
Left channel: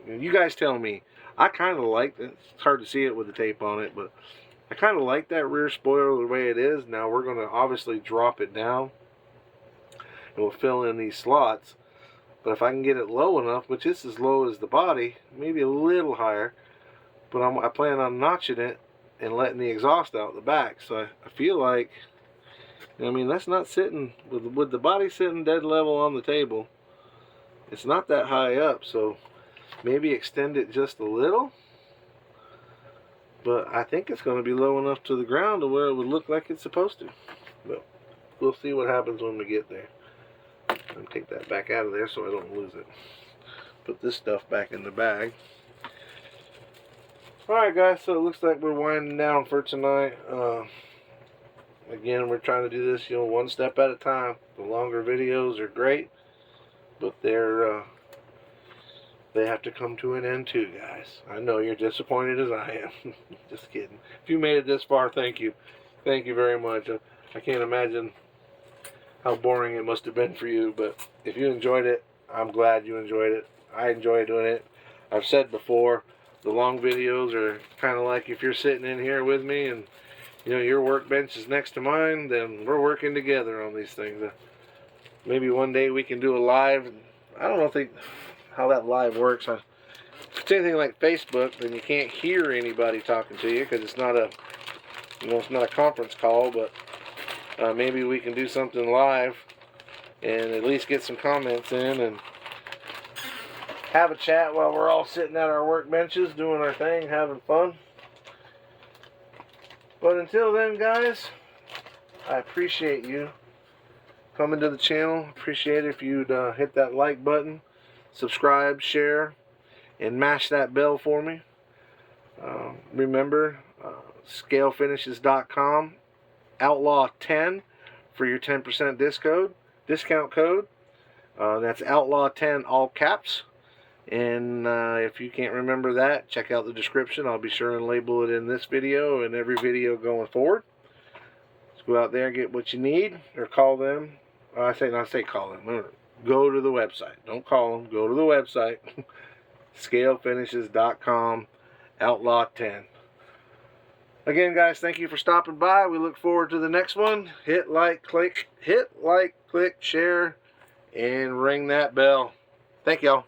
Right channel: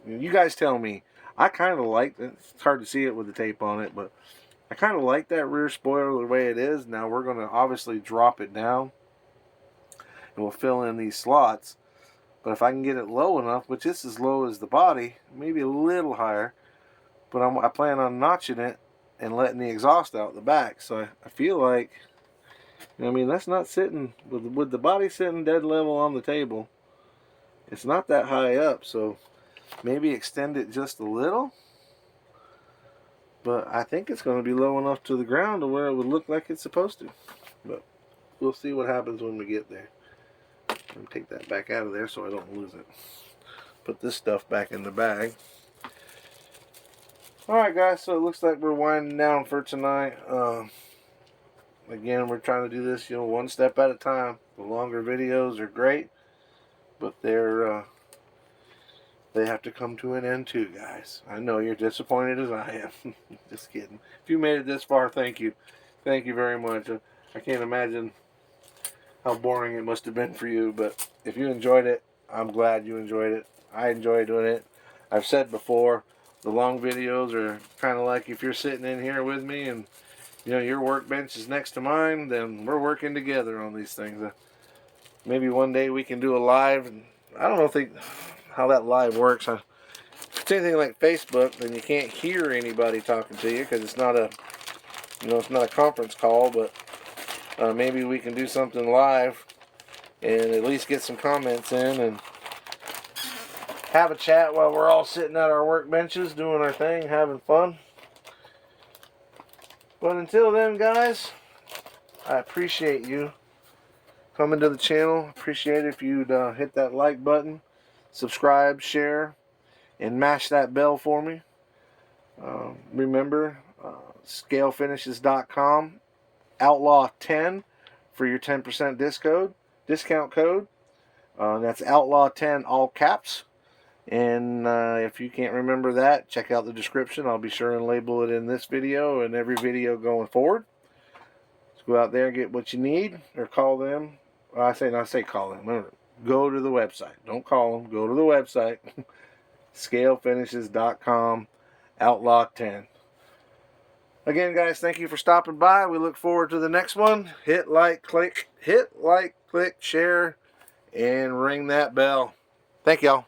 You guys tell me. I kind of like it. It's hard to see it with the tape on it, but I kind of like that rear spoiler the way it is. Now we're going to obviously drop it down, and we'll fill in these slots. But if I can get it low enough, which is as low as the body, maybe a little higher, but I plan on notching it and letting the exhaust out the back. So I feel like, I mean, that's not sitting, with the body sitting dead level on the table, it's not that high up, so maybe extend it just a little. But I think it's going to be low enough to the ground to where it would look like it's supposed to. But we'll see what happens when we get there. I'm take that back out of there so I don't lose it. Put this stuff back in the bag. Alright guys, so it looks like we're winding down for tonight. Again, we're trying to do this, one step at a time. The longer videos are great, but they have to come to an end too, guys. I know you're disappointed as I am. Just kidding. If you made it this far, thank you. Thank you very much. I can't imagine how boring it must have been for you, but if you enjoyed it, I'm glad you enjoyed it. I enjoy doing it. I've said before, the long videos are kind of like if you're sitting in here with me and your workbench is next to mine, then we're working together on these things. Maybe one day we can do a live. And I don't think how that live works. If it's anything like Facebook, then you can't hear anybody talking to you because it's not a, it's not a conference call. But maybe we can do something live and at least get some comments in and have a chat while we're all sitting at our workbenches doing our thing, having fun. But until then, guys, I appreciate you coming to the channel. Appreciate it if you'd hit that like button, subscribe, share, and mash that bell for me. Remember, scalefinishes.com, outlaw 10 for your 10% discount code. That's outlaw 10 all caps. And if you can't remember that, check out the description. I'll be sure and label it in this video and every video going forward. Just go out there and get what you need, or call them. I say call them. Remember, go to the website. Don't call them. Go to the website. scalefinishes.com, outlaw 10. Again, guys, thank you for stopping by. We look forward to the next one. Hit like, click, share, and ring that bell. Thank y'all.